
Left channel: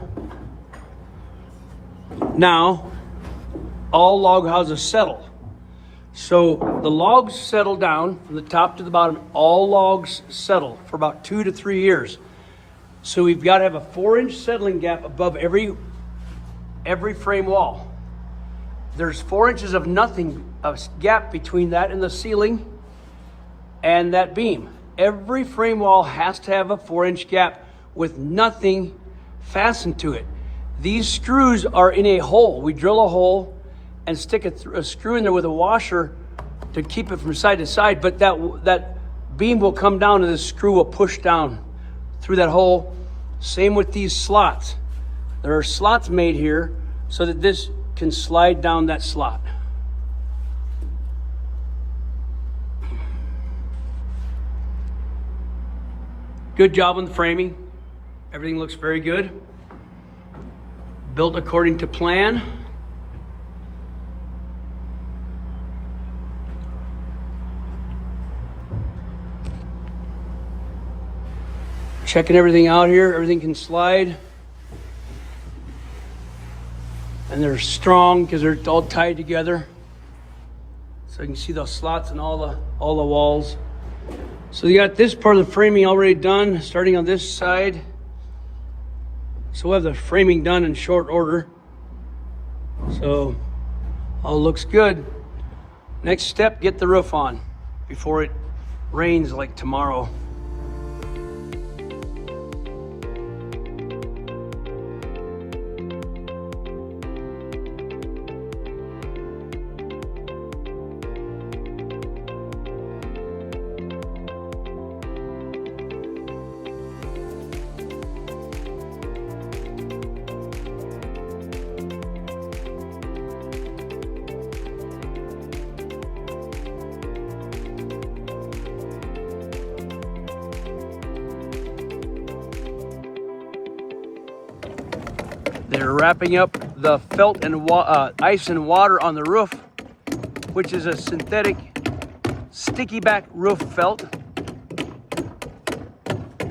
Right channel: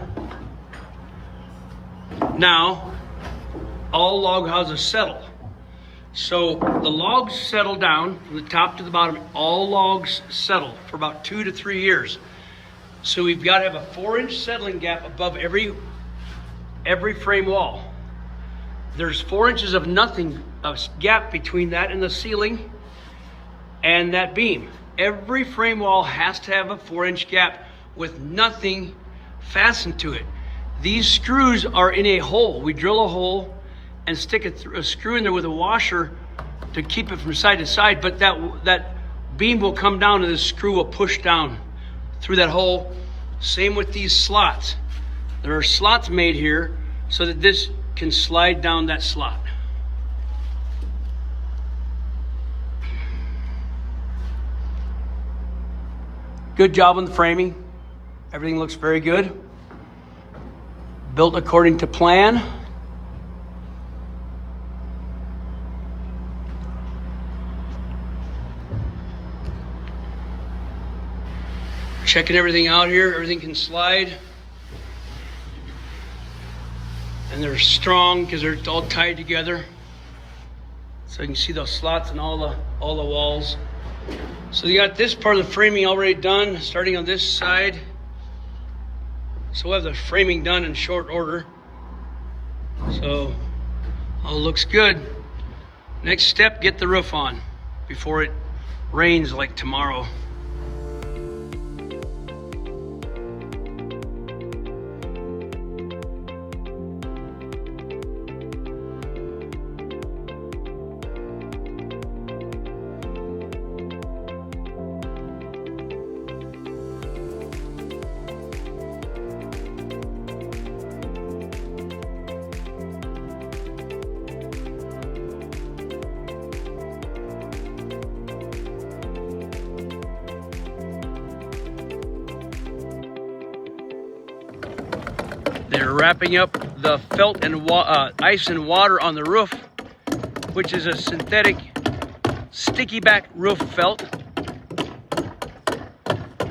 Now, all log houses settle. So the logs settle down from the top to the bottom. All logs settle for about 2 to 3 years. So we've got to have a 4-inch settling gap above every frame wall. There's 4 inches of nothing, of gap between that and the ceiling and that beam. Every frame wall has to have a 4-inch gap with nothing fastened to it. These screws are in a hole. We drill a hole and stick a screw in there with a washer to keep it from side to side, but that beam will come down and the screw will push down through that hole. Same with these slots. There are slots made here so that this can slide down that slot. Good job on the framing. Everything looks very good. Built according to plan. Checking everything out here. Everything can slide. And they're strong because they're all tied together. So you can see those slots and all the walls. So you got this part of the framing already done, starting on this side. So we'll have the framing done in short order. So all looks good. Next step, get the roof on before it rains like tomorrow. They're wrapping up the felt and ice and water on the roof, which is a synthetic sticky back roof felt.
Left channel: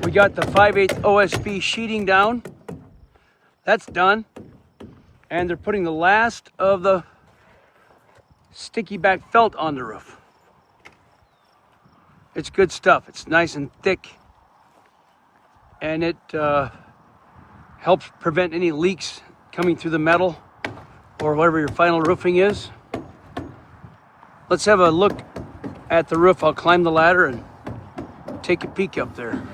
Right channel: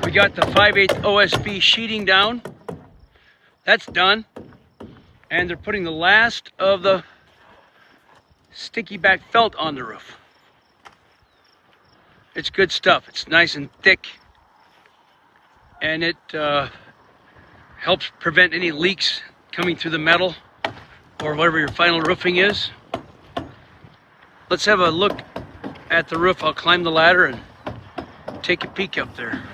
We got the 5/8 OSB sheeting down. That's done. And they're putting the last of the sticky back felt on the roof. It's good stuff. It's nice and thick. And it helps prevent any leaks coming through the metal or whatever your final roofing is. Let's have a look at the roof. I'll climb the ladder and take a peek up there.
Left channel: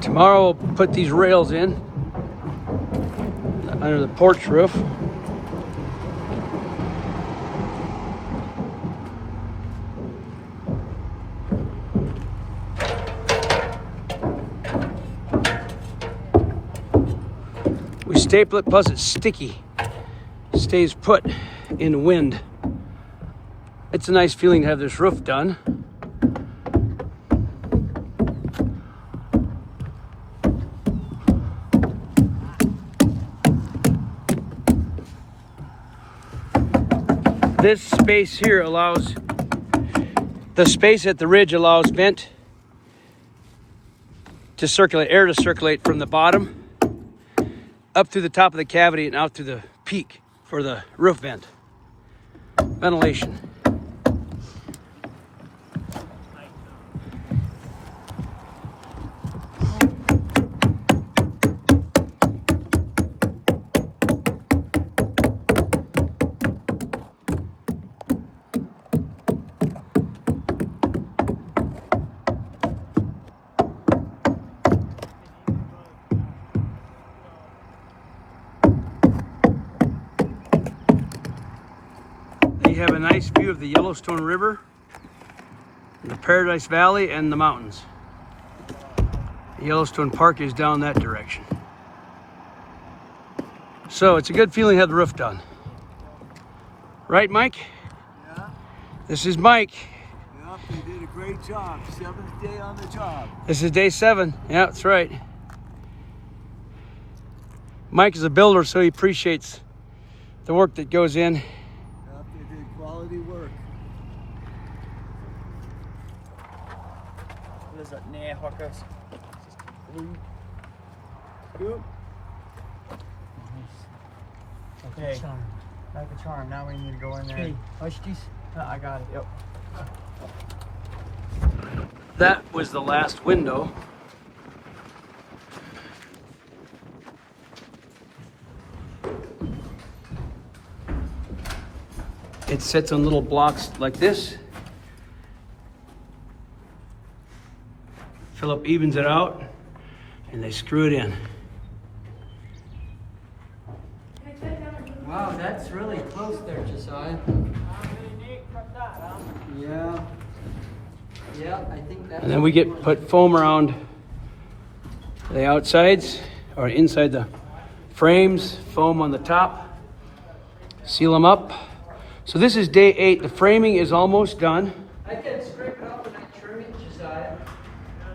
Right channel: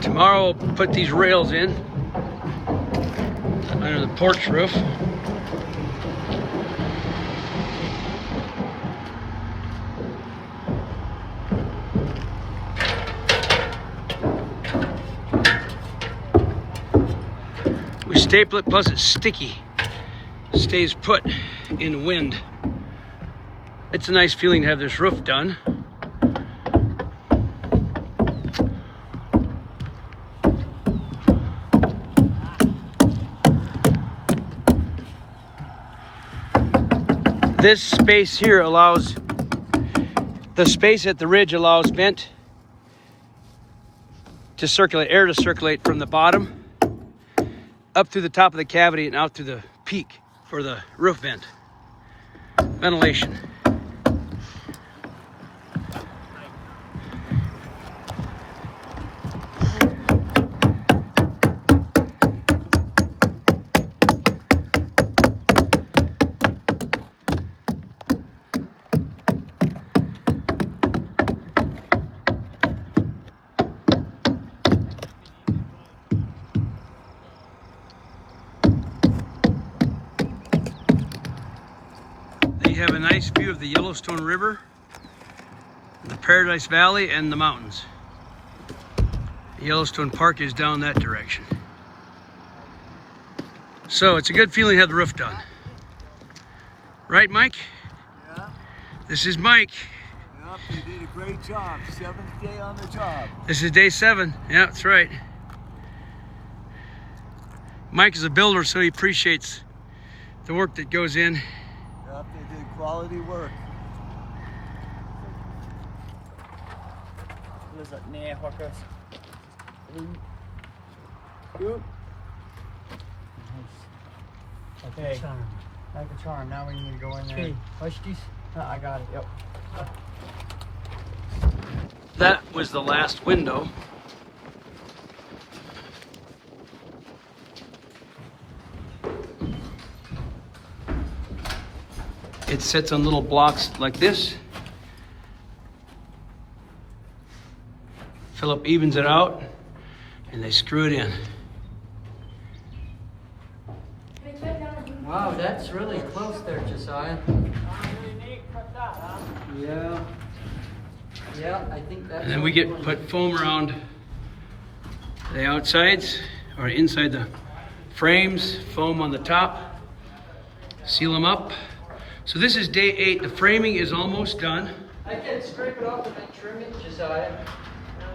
Tomorrow I'll put these rails in under the porch roof. We staple it, plus it's sticky. Stays put in wind. It's a nice feeling to have this roof done. This space here allows, the space at the ridge allows vent to circulate, air to circulate from the bottom up through the top of the cavity and out through the peak for the roof vent. Ventilation. You have a nice view of the Yellowstone River, the Paradise Valley, and the mountains. The Yellowstone Park is down that direction. So it's a good feeling to have the roof done. Right, Mike? Yeah. This is Mike. Yep, you did a great job. 7th day on the job. This is day 7. Yeah, that's right. Mike is a builder, so he appreciates the work that goes in. Yep, they did quality work. What is that? Near hookers. Good. Okay. Charm. Like a charm. Now we need to go in there. Okay, hush these. I got it. Yep. That was the last window. It sits on little blocks like this. Philip evens it out and they screw it in. Wow, that's really close there, Josiah. Yeah. Yeah, I think that's. And then we put foam around the outsides or inside the frames, foam on the top, seal them up. So this is day 8. The framing is almost done. I can scrape it off and then trim it, Josiah.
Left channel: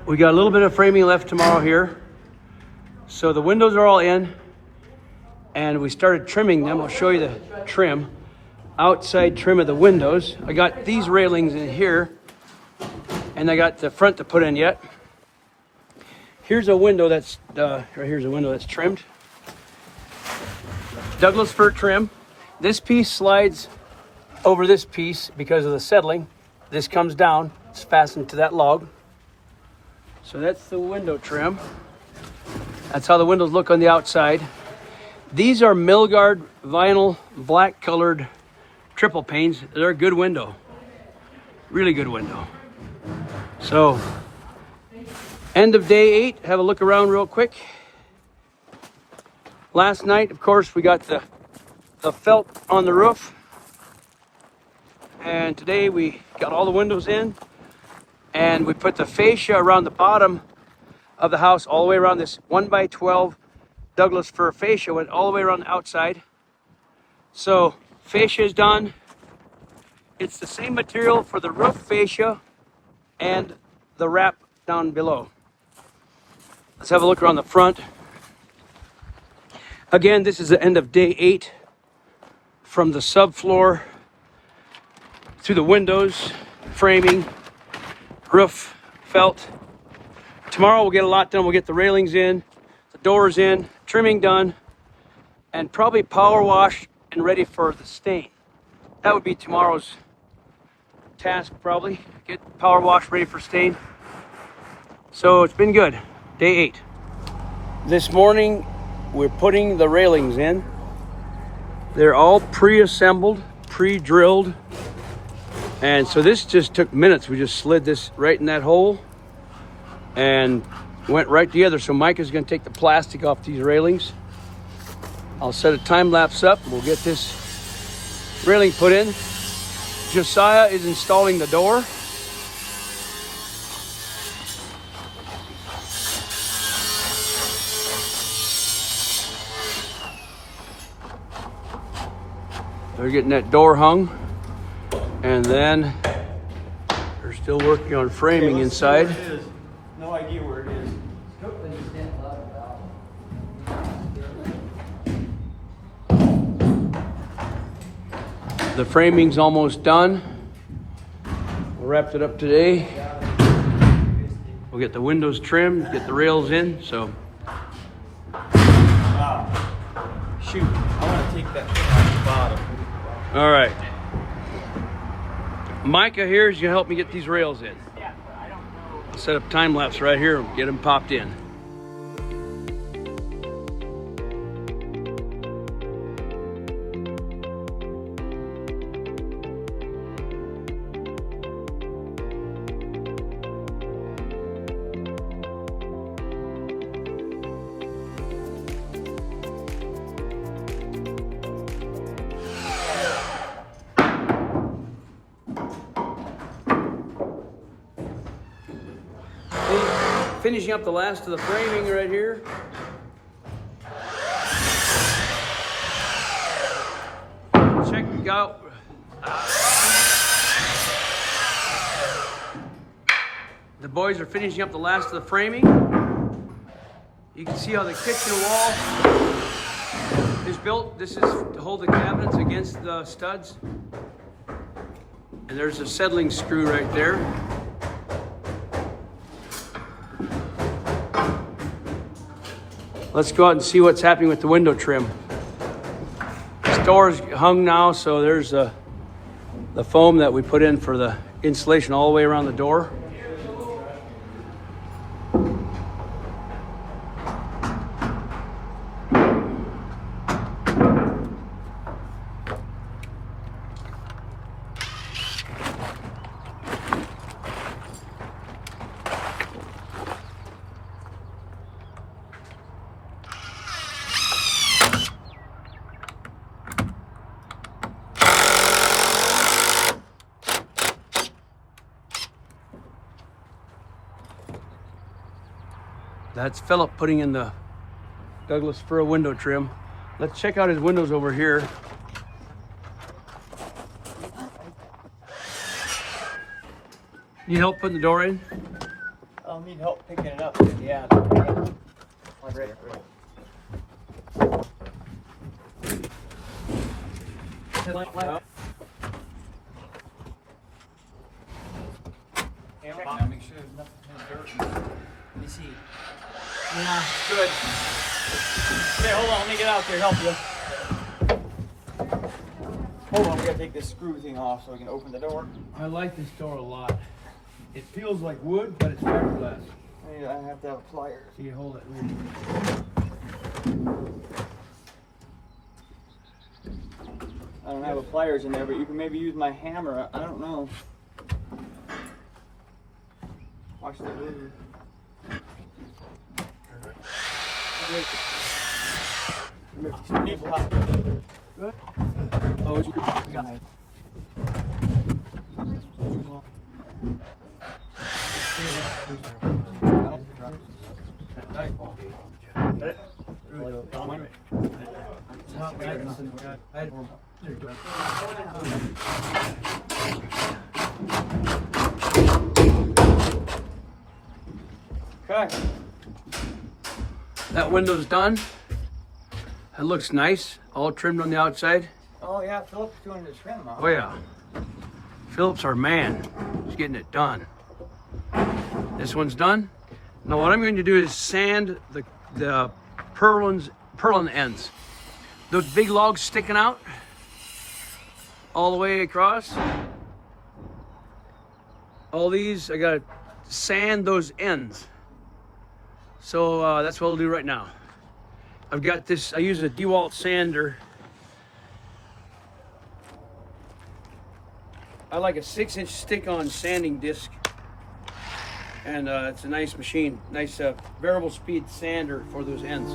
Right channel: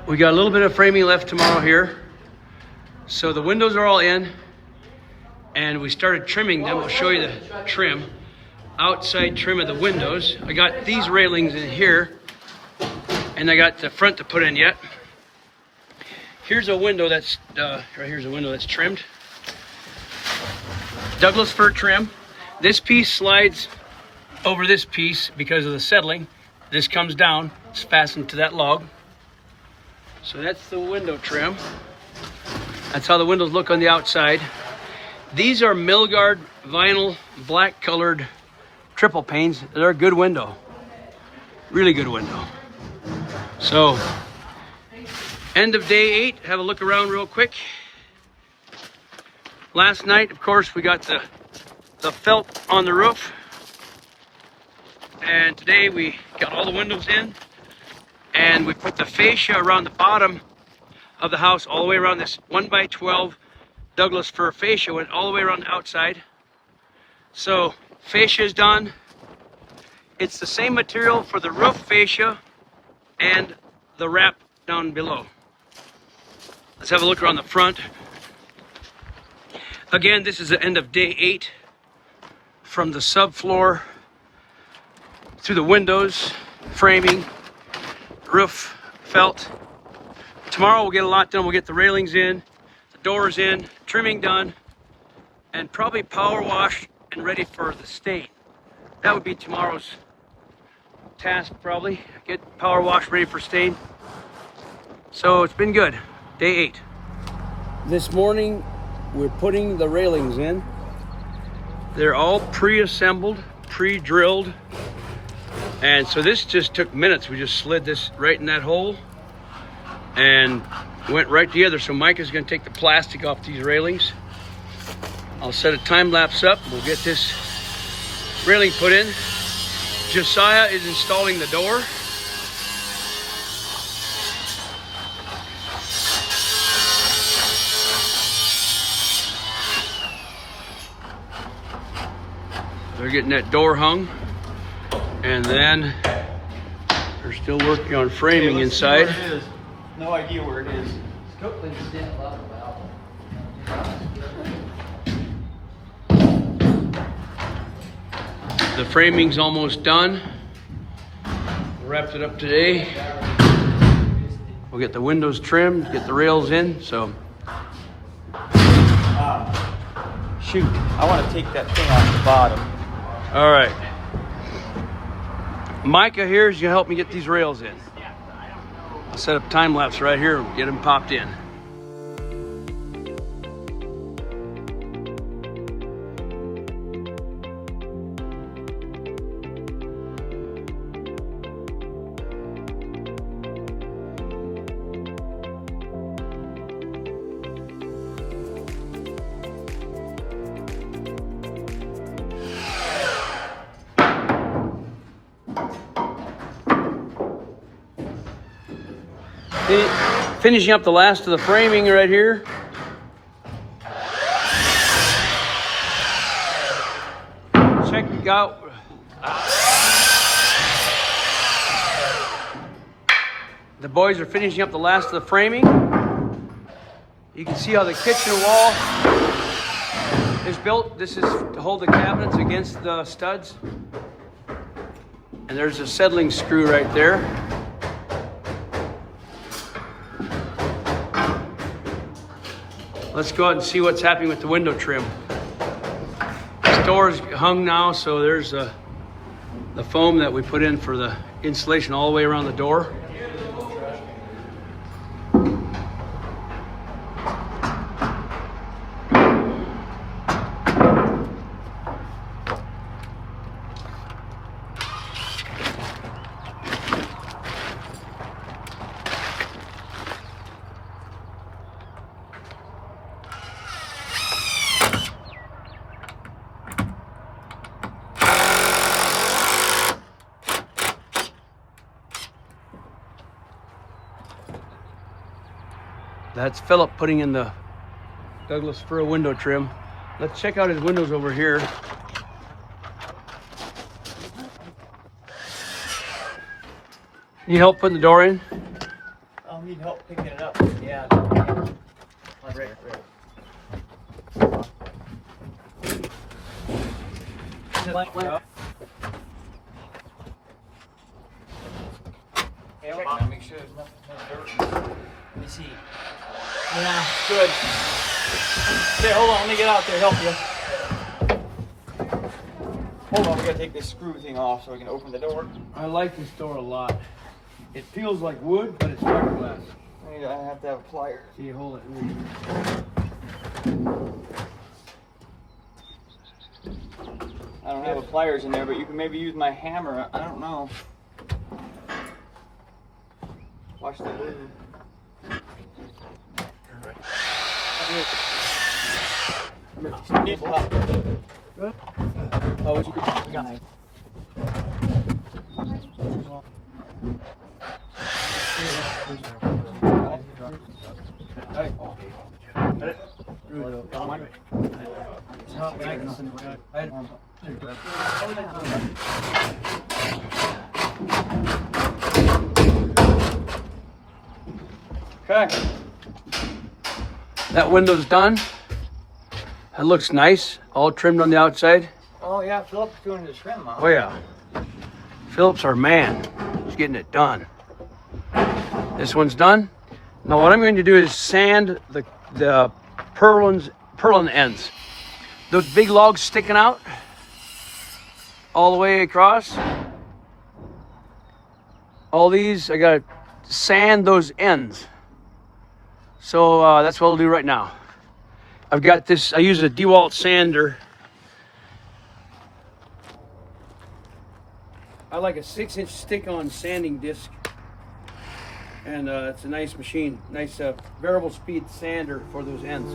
We got a little bit of framing left tomorrow here. So the windows are all in and we started trimming them. I'll show you the trim. Outside trim of the windows. I got these railings in here and I got the front to put in yet. Here's a window that's, right here's a window that's trimmed. Douglas fir trim. This piece slides over this piece because of the settling. This comes down, it's fastened to that log. So that's the window trim. That's how the windows look on the outside. These are Milgard vinyl black colored triple panes. They're a good window. Really good window. So, end of day 8. Have a look around real quick. Last night, of course, we got the felt on the roof. And today we got all the windows in. And we put the fascia around the bottom of the house, all the way around this 1x12 Douglas fir fascia, went all the way around the outside. So fascia is done. It's the same material for the roof fascia and the wrap down below. Let's have a look around the front. Again, this is the end of day 8. From the subfloor through the windows, framing, roof, felt. Tomorrow we'll get a lot done. We'll get the railings in, the doors in, trimming done, and probably power wash and ready for the stain. That would be tomorrow's task probably. Get power wash ready for stain. So it's been good. Day 8. This morning we're putting the railings in. They're all pre-assembled, pre-drilled. And so this just took minutes. We just slid this right in that hole and went right together. So Mike is gonna take the plastic off these railings. I'll set a time lapse up. We'll get this railing put in. Josiah is installing the door. They're getting that door hung. And then they're still working on framing inside. No idea where it is. The framing's almost done. We wrapped it up today. We'll get the windows trimmed, get the rails in, so. Shoot, I want to take that thing off the bottom. All right. Micah here is gonna help me get these rails in. I'll set up time lapse right here and get them popped in. Finishing up the last of the framing right here. Check out. The boys are finishing up the last of the framing. You can see how the kitchen wall is built. This is to hold the cabinets against the studs. And there's a settling screw right there. Let's go out and see what's happening with the window trim. door's hung now, so there's the foam that we put in for the insulation all the way around the door. That's Philip putting in the Douglas fir window trim. Let's check out his windows over here. Need help putting the door in? I'll need help picking it up. Yeah. Make sure there's no dirt. Let me see. Yeah, good. Here, hold on. Let me get out there, help you. Hold on, I'm gonna take this screw thing off so I can open the door. I like this door a lot. It feels like wood, but it's fiberglass. I have to have pliers. Can you hold it? I don't have pliers in there, but you can maybe use my hammer. I don't know. Watch that move. Need help. Oh, Okay. that window's done. That looks nice, all trimmed on the outside. Oh yeah, Philip's doing his trim out. Oh yeah, Philip's our man. He's getting it done. This one's done. Now what I'm going to do is sand the purlin ends. Those big logs sticking out all the way across. All these, I gotta sand those ends. So that's what I'll do right now. I've got this, I use a DeWalt sander. I like a 6-inch stick-on sanding disc. And it's a nice machine, nice variable speed sander for those ends.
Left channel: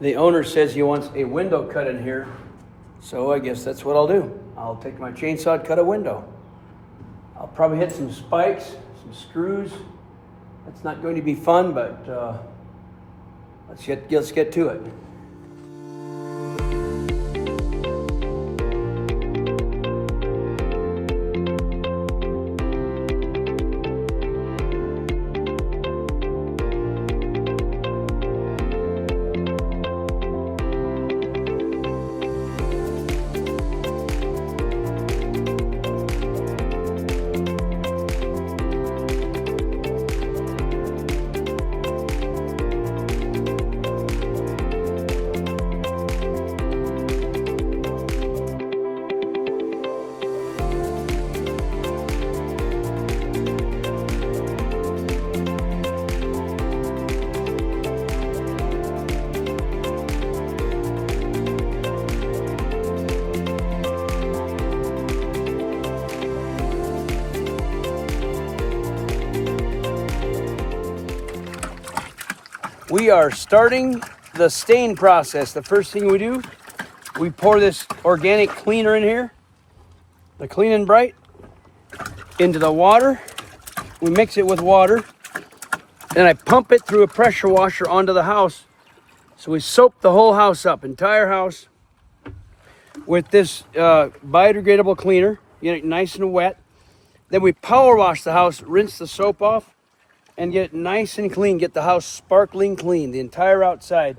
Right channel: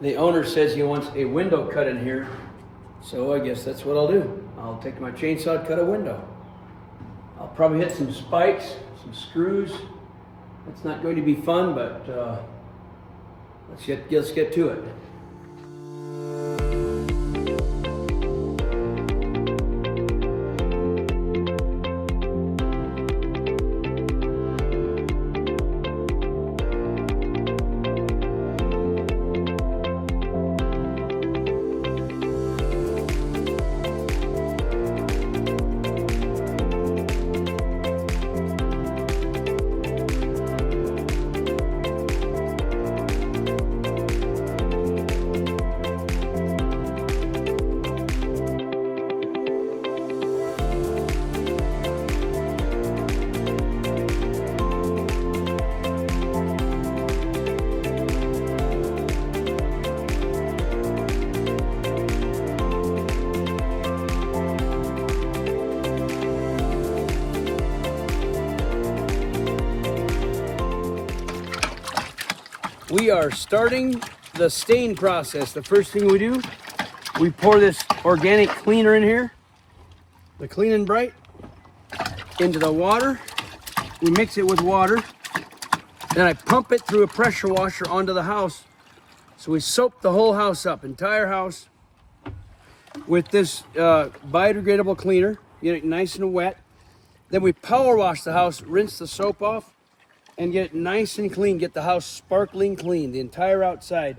The owner says he wants a window cut in here, so I guess that's what I'll do. I'll take my chainsaw and cut a window. I'll probably hit some spikes, some screws. That's not going to be fun, but let's get to it. we are starting the stain process. The first thing we do, we pour this organic cleaner in here, the Clean and Bright, into the water. We mix it with water. Then I pump it through a pressure washer onto the house. So we soap the whole house up, entire house, with this biodegradable cleaner, get it nice and wet. Then we power wash the house, rinse the soap off, and get it nice and clean, get the house sparkling clean, the entire outside.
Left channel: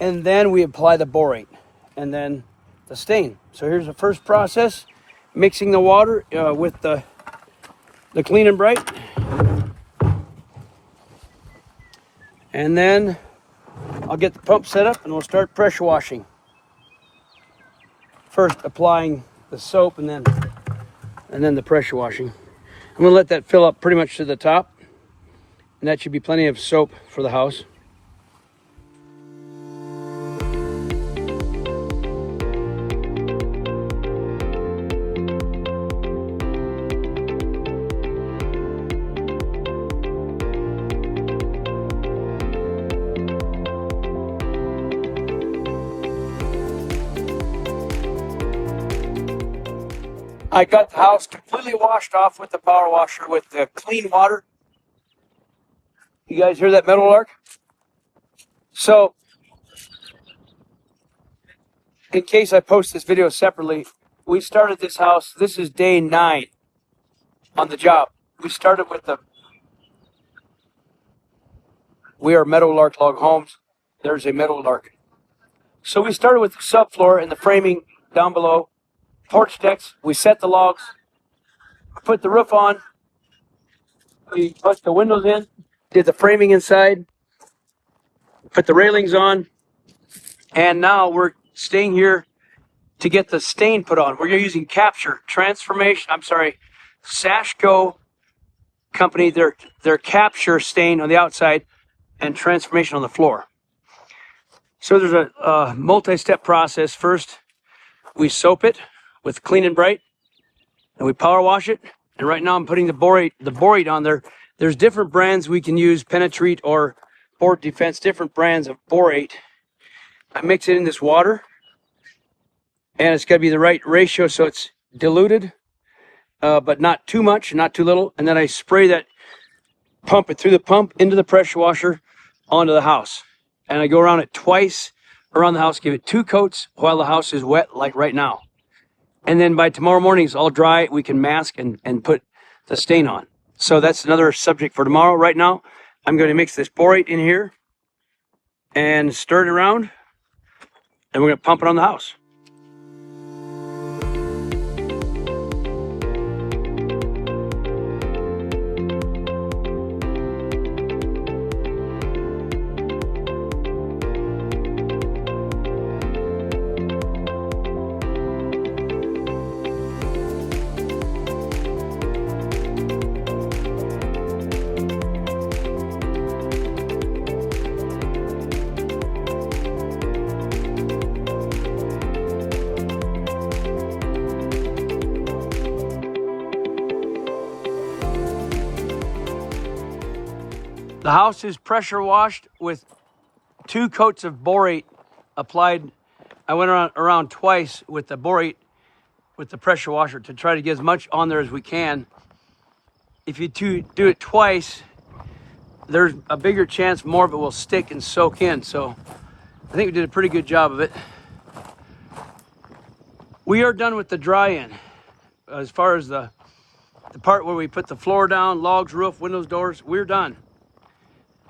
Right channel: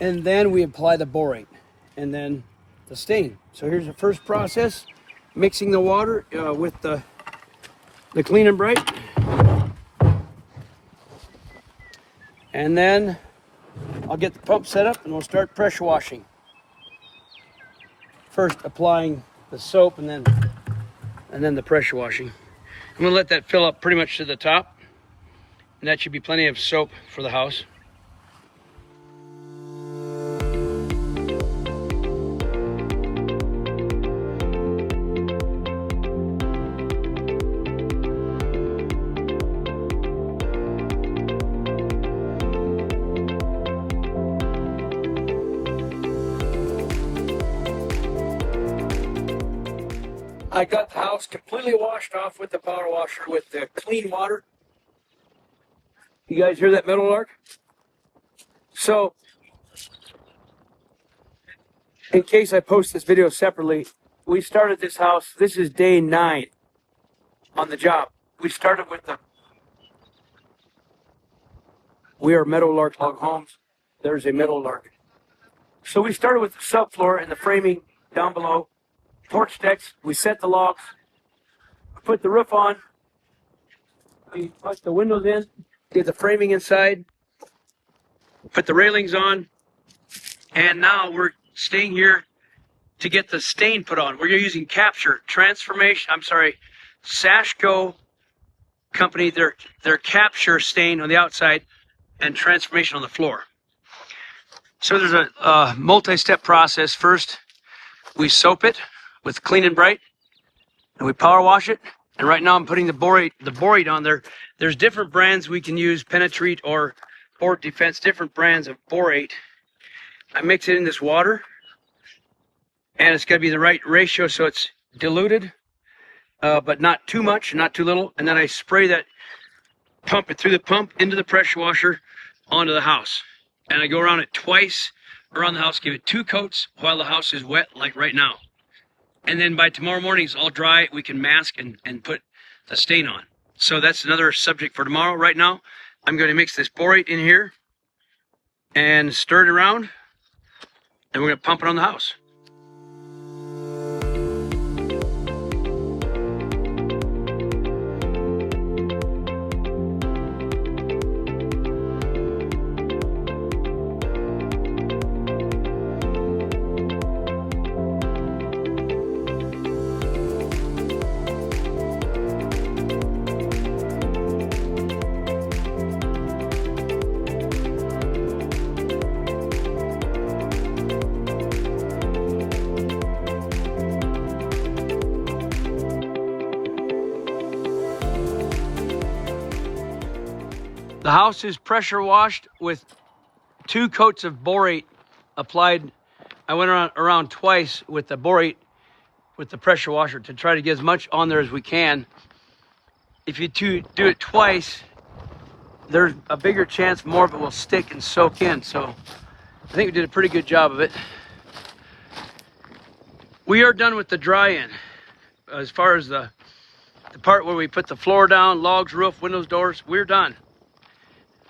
And then we apply the borate, and then the stain. So here's the first process, mixing the water with the Clean and Bright. And then I'll get the pump set up and we'll start pressure washing. First applying the soap and then the pressure washing. I'm gonna let that fill up pretty much to the top. And that should be plenty of soap for the house. I got the house completely washed off with the power washer with the clean water. You guys hear that, Meadowlark? So, in case I post this video separately, we started this house. This is day 9 on the job. We started with we are Meadowlark Log Homes. There's a Meadowlark. So we started with the subfloor and the framing down below. Porch decks, we set the logs, put the roof on, we put the windows in, did the framing inside, put the railings on, and now we're staying here to get the stain put on. We're using Sashco company, their capture stain on the outside and transformation on the floor. So there's a multi-step process. First, we soap it with Clean and Bright, and we power wash it. And right now I'm putting the borate on there. There's different brands we can use, Penetrate or Port Defense, different brands of borate. I mix it in this water, and it's got to be the right ratio so it's diluted, but not too much, not too little. And then I spray that, pump it through the pump into the pressure washer onto the house. And I go around it twice around the house, give it 2 coats while the house is wet, like right now. And then by tomorrow morning, it's all dry. We can mask and put the stain on. So that's another subject for tomorrow. Right now, I'm going to mix this borate in here and stir it around, and we're going to pump it on the house. The house is pressure washed with 2 coats of borate applied. I went around twice with the borate with the pressure washer to try to get as much on there as we can. If you do it twice, there's a bigger chance more of it will stick and soak in. So I think we did a pretty good job of it. We are done with the dry-in. As far as the part where we put the floor down, logs, roof, windows, doors, we're done.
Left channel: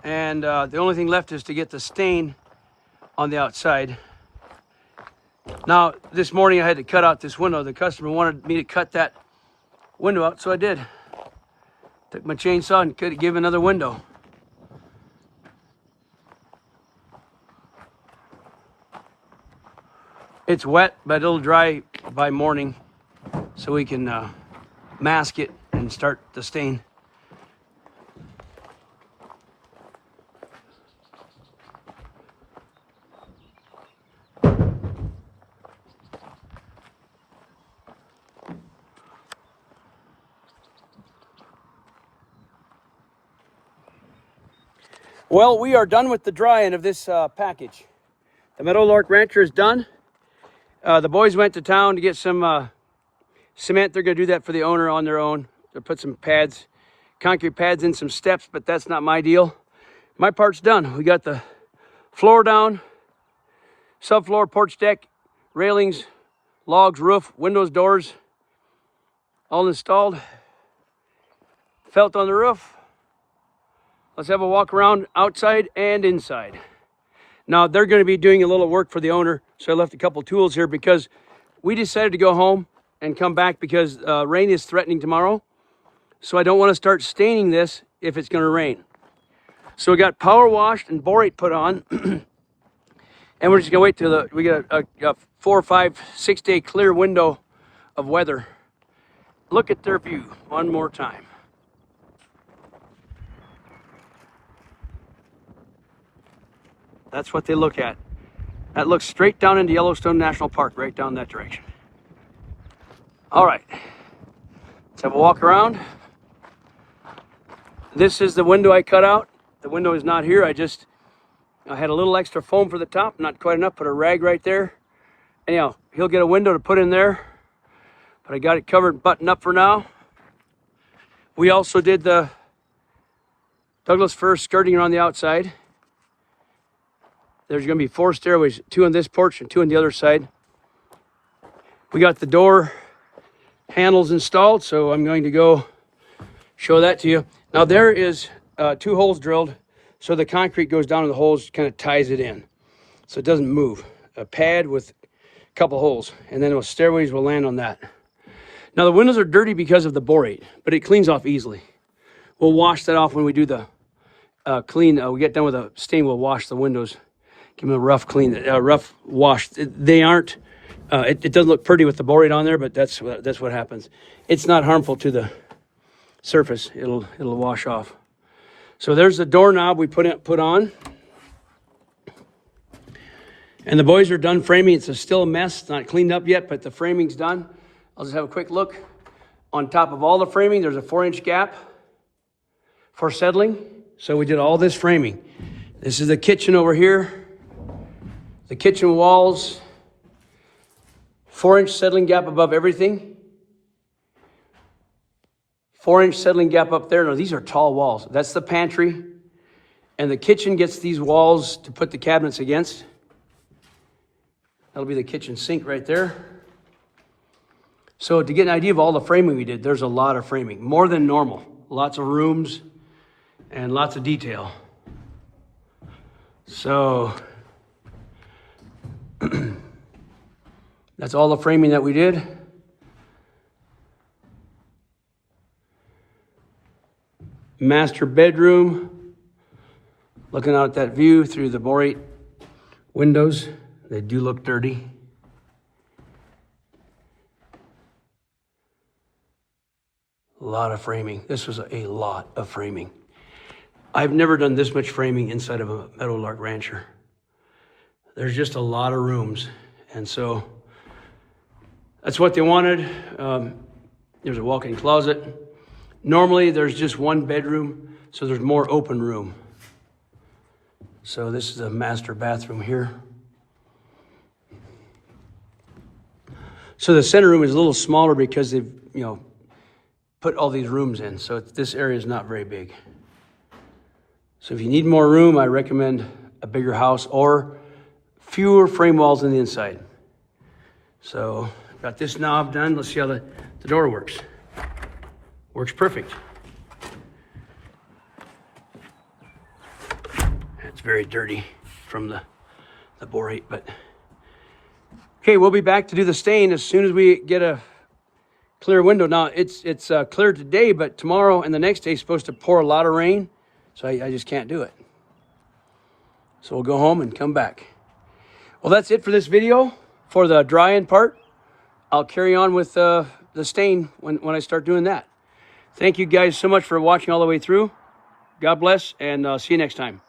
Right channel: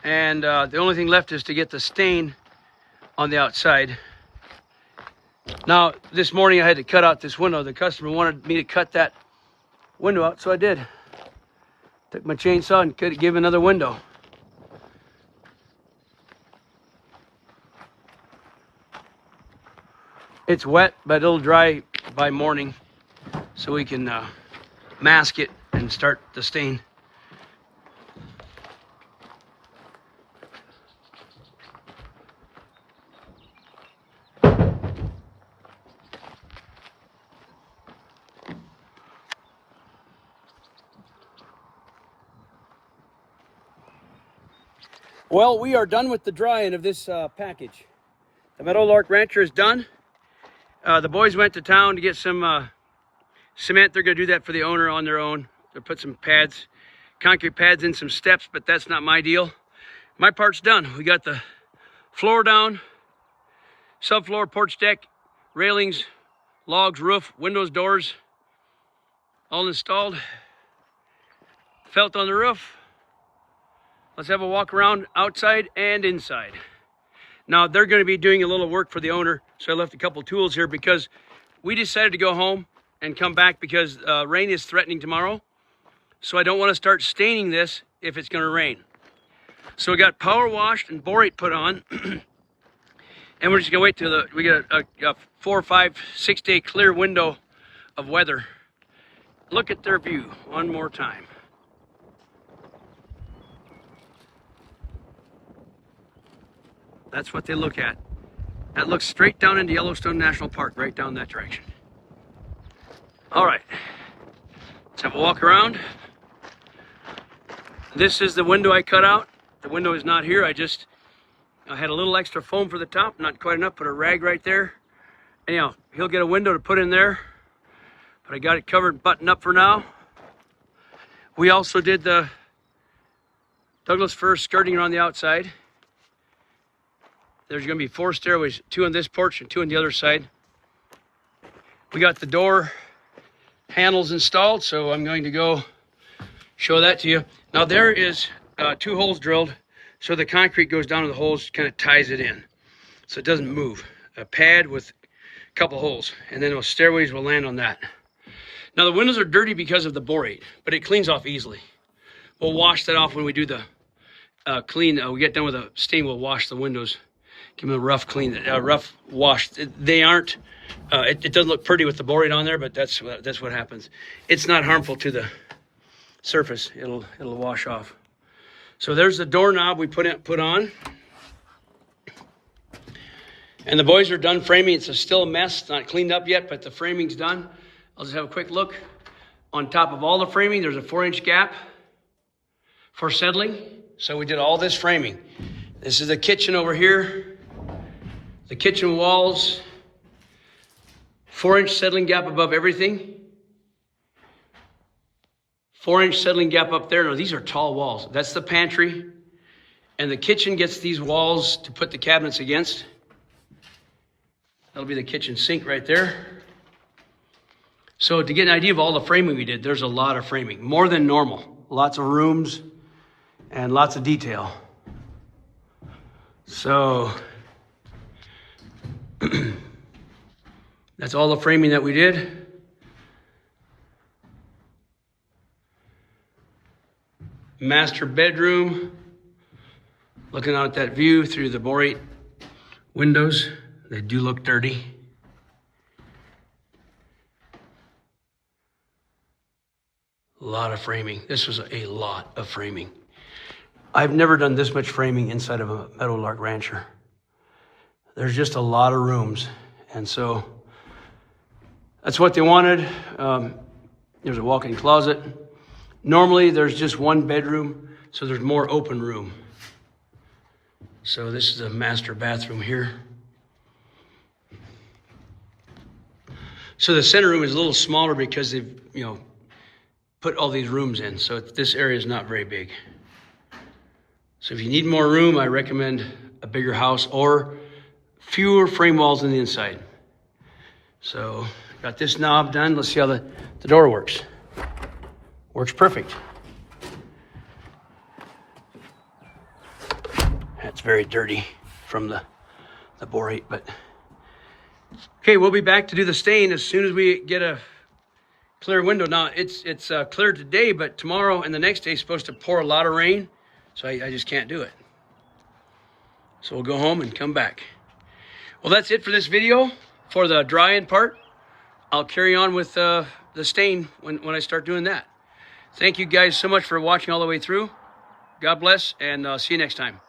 And the only thing left is to get the stain on the outside. Now, this morning I had to cut out this window. The customer wanted me to cut that window out, so I did. Took my chainsaw and could give another window. It's wet, but it'll dry by morning, so we can mask it and start the stain. Well, we are done with the drying of this package. The Meadowlark Rancher is done. The boys went to town to get some cement. They're going to do that for the owner on their own. They'll put some pads, concrete pads in some steps, but that's not my deal. My part's done. We got the floor down, subfloor, porch deck, railings, logs, roof, windows, doors, all installed. Felt on the roof. Let's have a walk around outside and inside. Now they're going to be doing a little work for the owner, so I left a couple tools here because we decided to go home and come back because rain is threatening tomorrow. So I don't want to start staining this if it's going to rain. So we got power washed and borate put on, and we're just going to wait till we get a 4, 5, 6 day clear window of weather. Look at their view one more time. That's what they look at. That looks straight down into Yellowstone National Park, right down that direction. All right, let's have a walk around. This is the window I cut out. The window is not here. I had a little extra foam for the top, not quite enough, put a rag right there. Anyhow, he'll get a window to put in there, but I got it covered, buttoned up for now. We also did the Douglas fir skirting around the outside. There's going to be 4 stairways, 2 on this porch and 2 on the other side. We got the door handles installed, so I'm going to go show that to you. Now there is 2 holes drilled, so the concrete goes down to the holes, kind of ties it in, so it doesn't move. A pad with a couple holes, and then those stairways will land on that. Now the windows are dirty because of the borate, but it cleans off easily. We'll wash that off when we do the we get done with the stain. We'll wash the windows. Give them a rough clean, rough wash. They aren't, it doesn't look pretty with the borate on there, but that's what happens. It's not harmful to the surface. It'll wash off. So there's the doorknob we put on. And the boys are done framing. It's still a mess, not cleaned up yet, but the framing's done. I'll just have a quick look. On top of all the framing, there's a 4-inch gap for settling. So we did all this framing. This is the kitchen over here. The kitchen walls, 4-inch settling gap above everything. 4-inch settling gap up there. No, these are tall walls. That's the pantry. And the kitchen gets these walls to put the cabinets against. That'll be the kitchen sink right there. So to get an idea of all the framing we did, there's a lot of framing, more than normal. Lots of rooms and lots of detail. So that's all the framing that we did. Master bedroom, looking out at that view through the borate windows. They do look dirty. A lot of framing. This was a lot of framing. I've never done this much framing inside of a Meadowlark Rancher. There's just a lot of rooms. And so that's what they wanted. There's a walk-in closet. Normally there's just one bedroom, so there's more open room. So this is a master bathroom here. So the center room is a little smaller because they've, put all these rooms in. So this area is not very big. So if you need more room, I recommend a bigger house or fewer frame walls on the inside. So got this knob done. Let's see how the door works. Works perfect. That's very dirty from the borate, but okay, we'll be back to do the stain as soon as we get a clear window. Now it's clear today, but tomorrow and the next day is supposed to pour a lot of rain, so I just can't do it. So we'll go home and come back. Well, that's it for this video for the drying part. I'll carry on with the stain when I start doing that. Thank you guys so much for watching all the way through. God bless, and see you next time.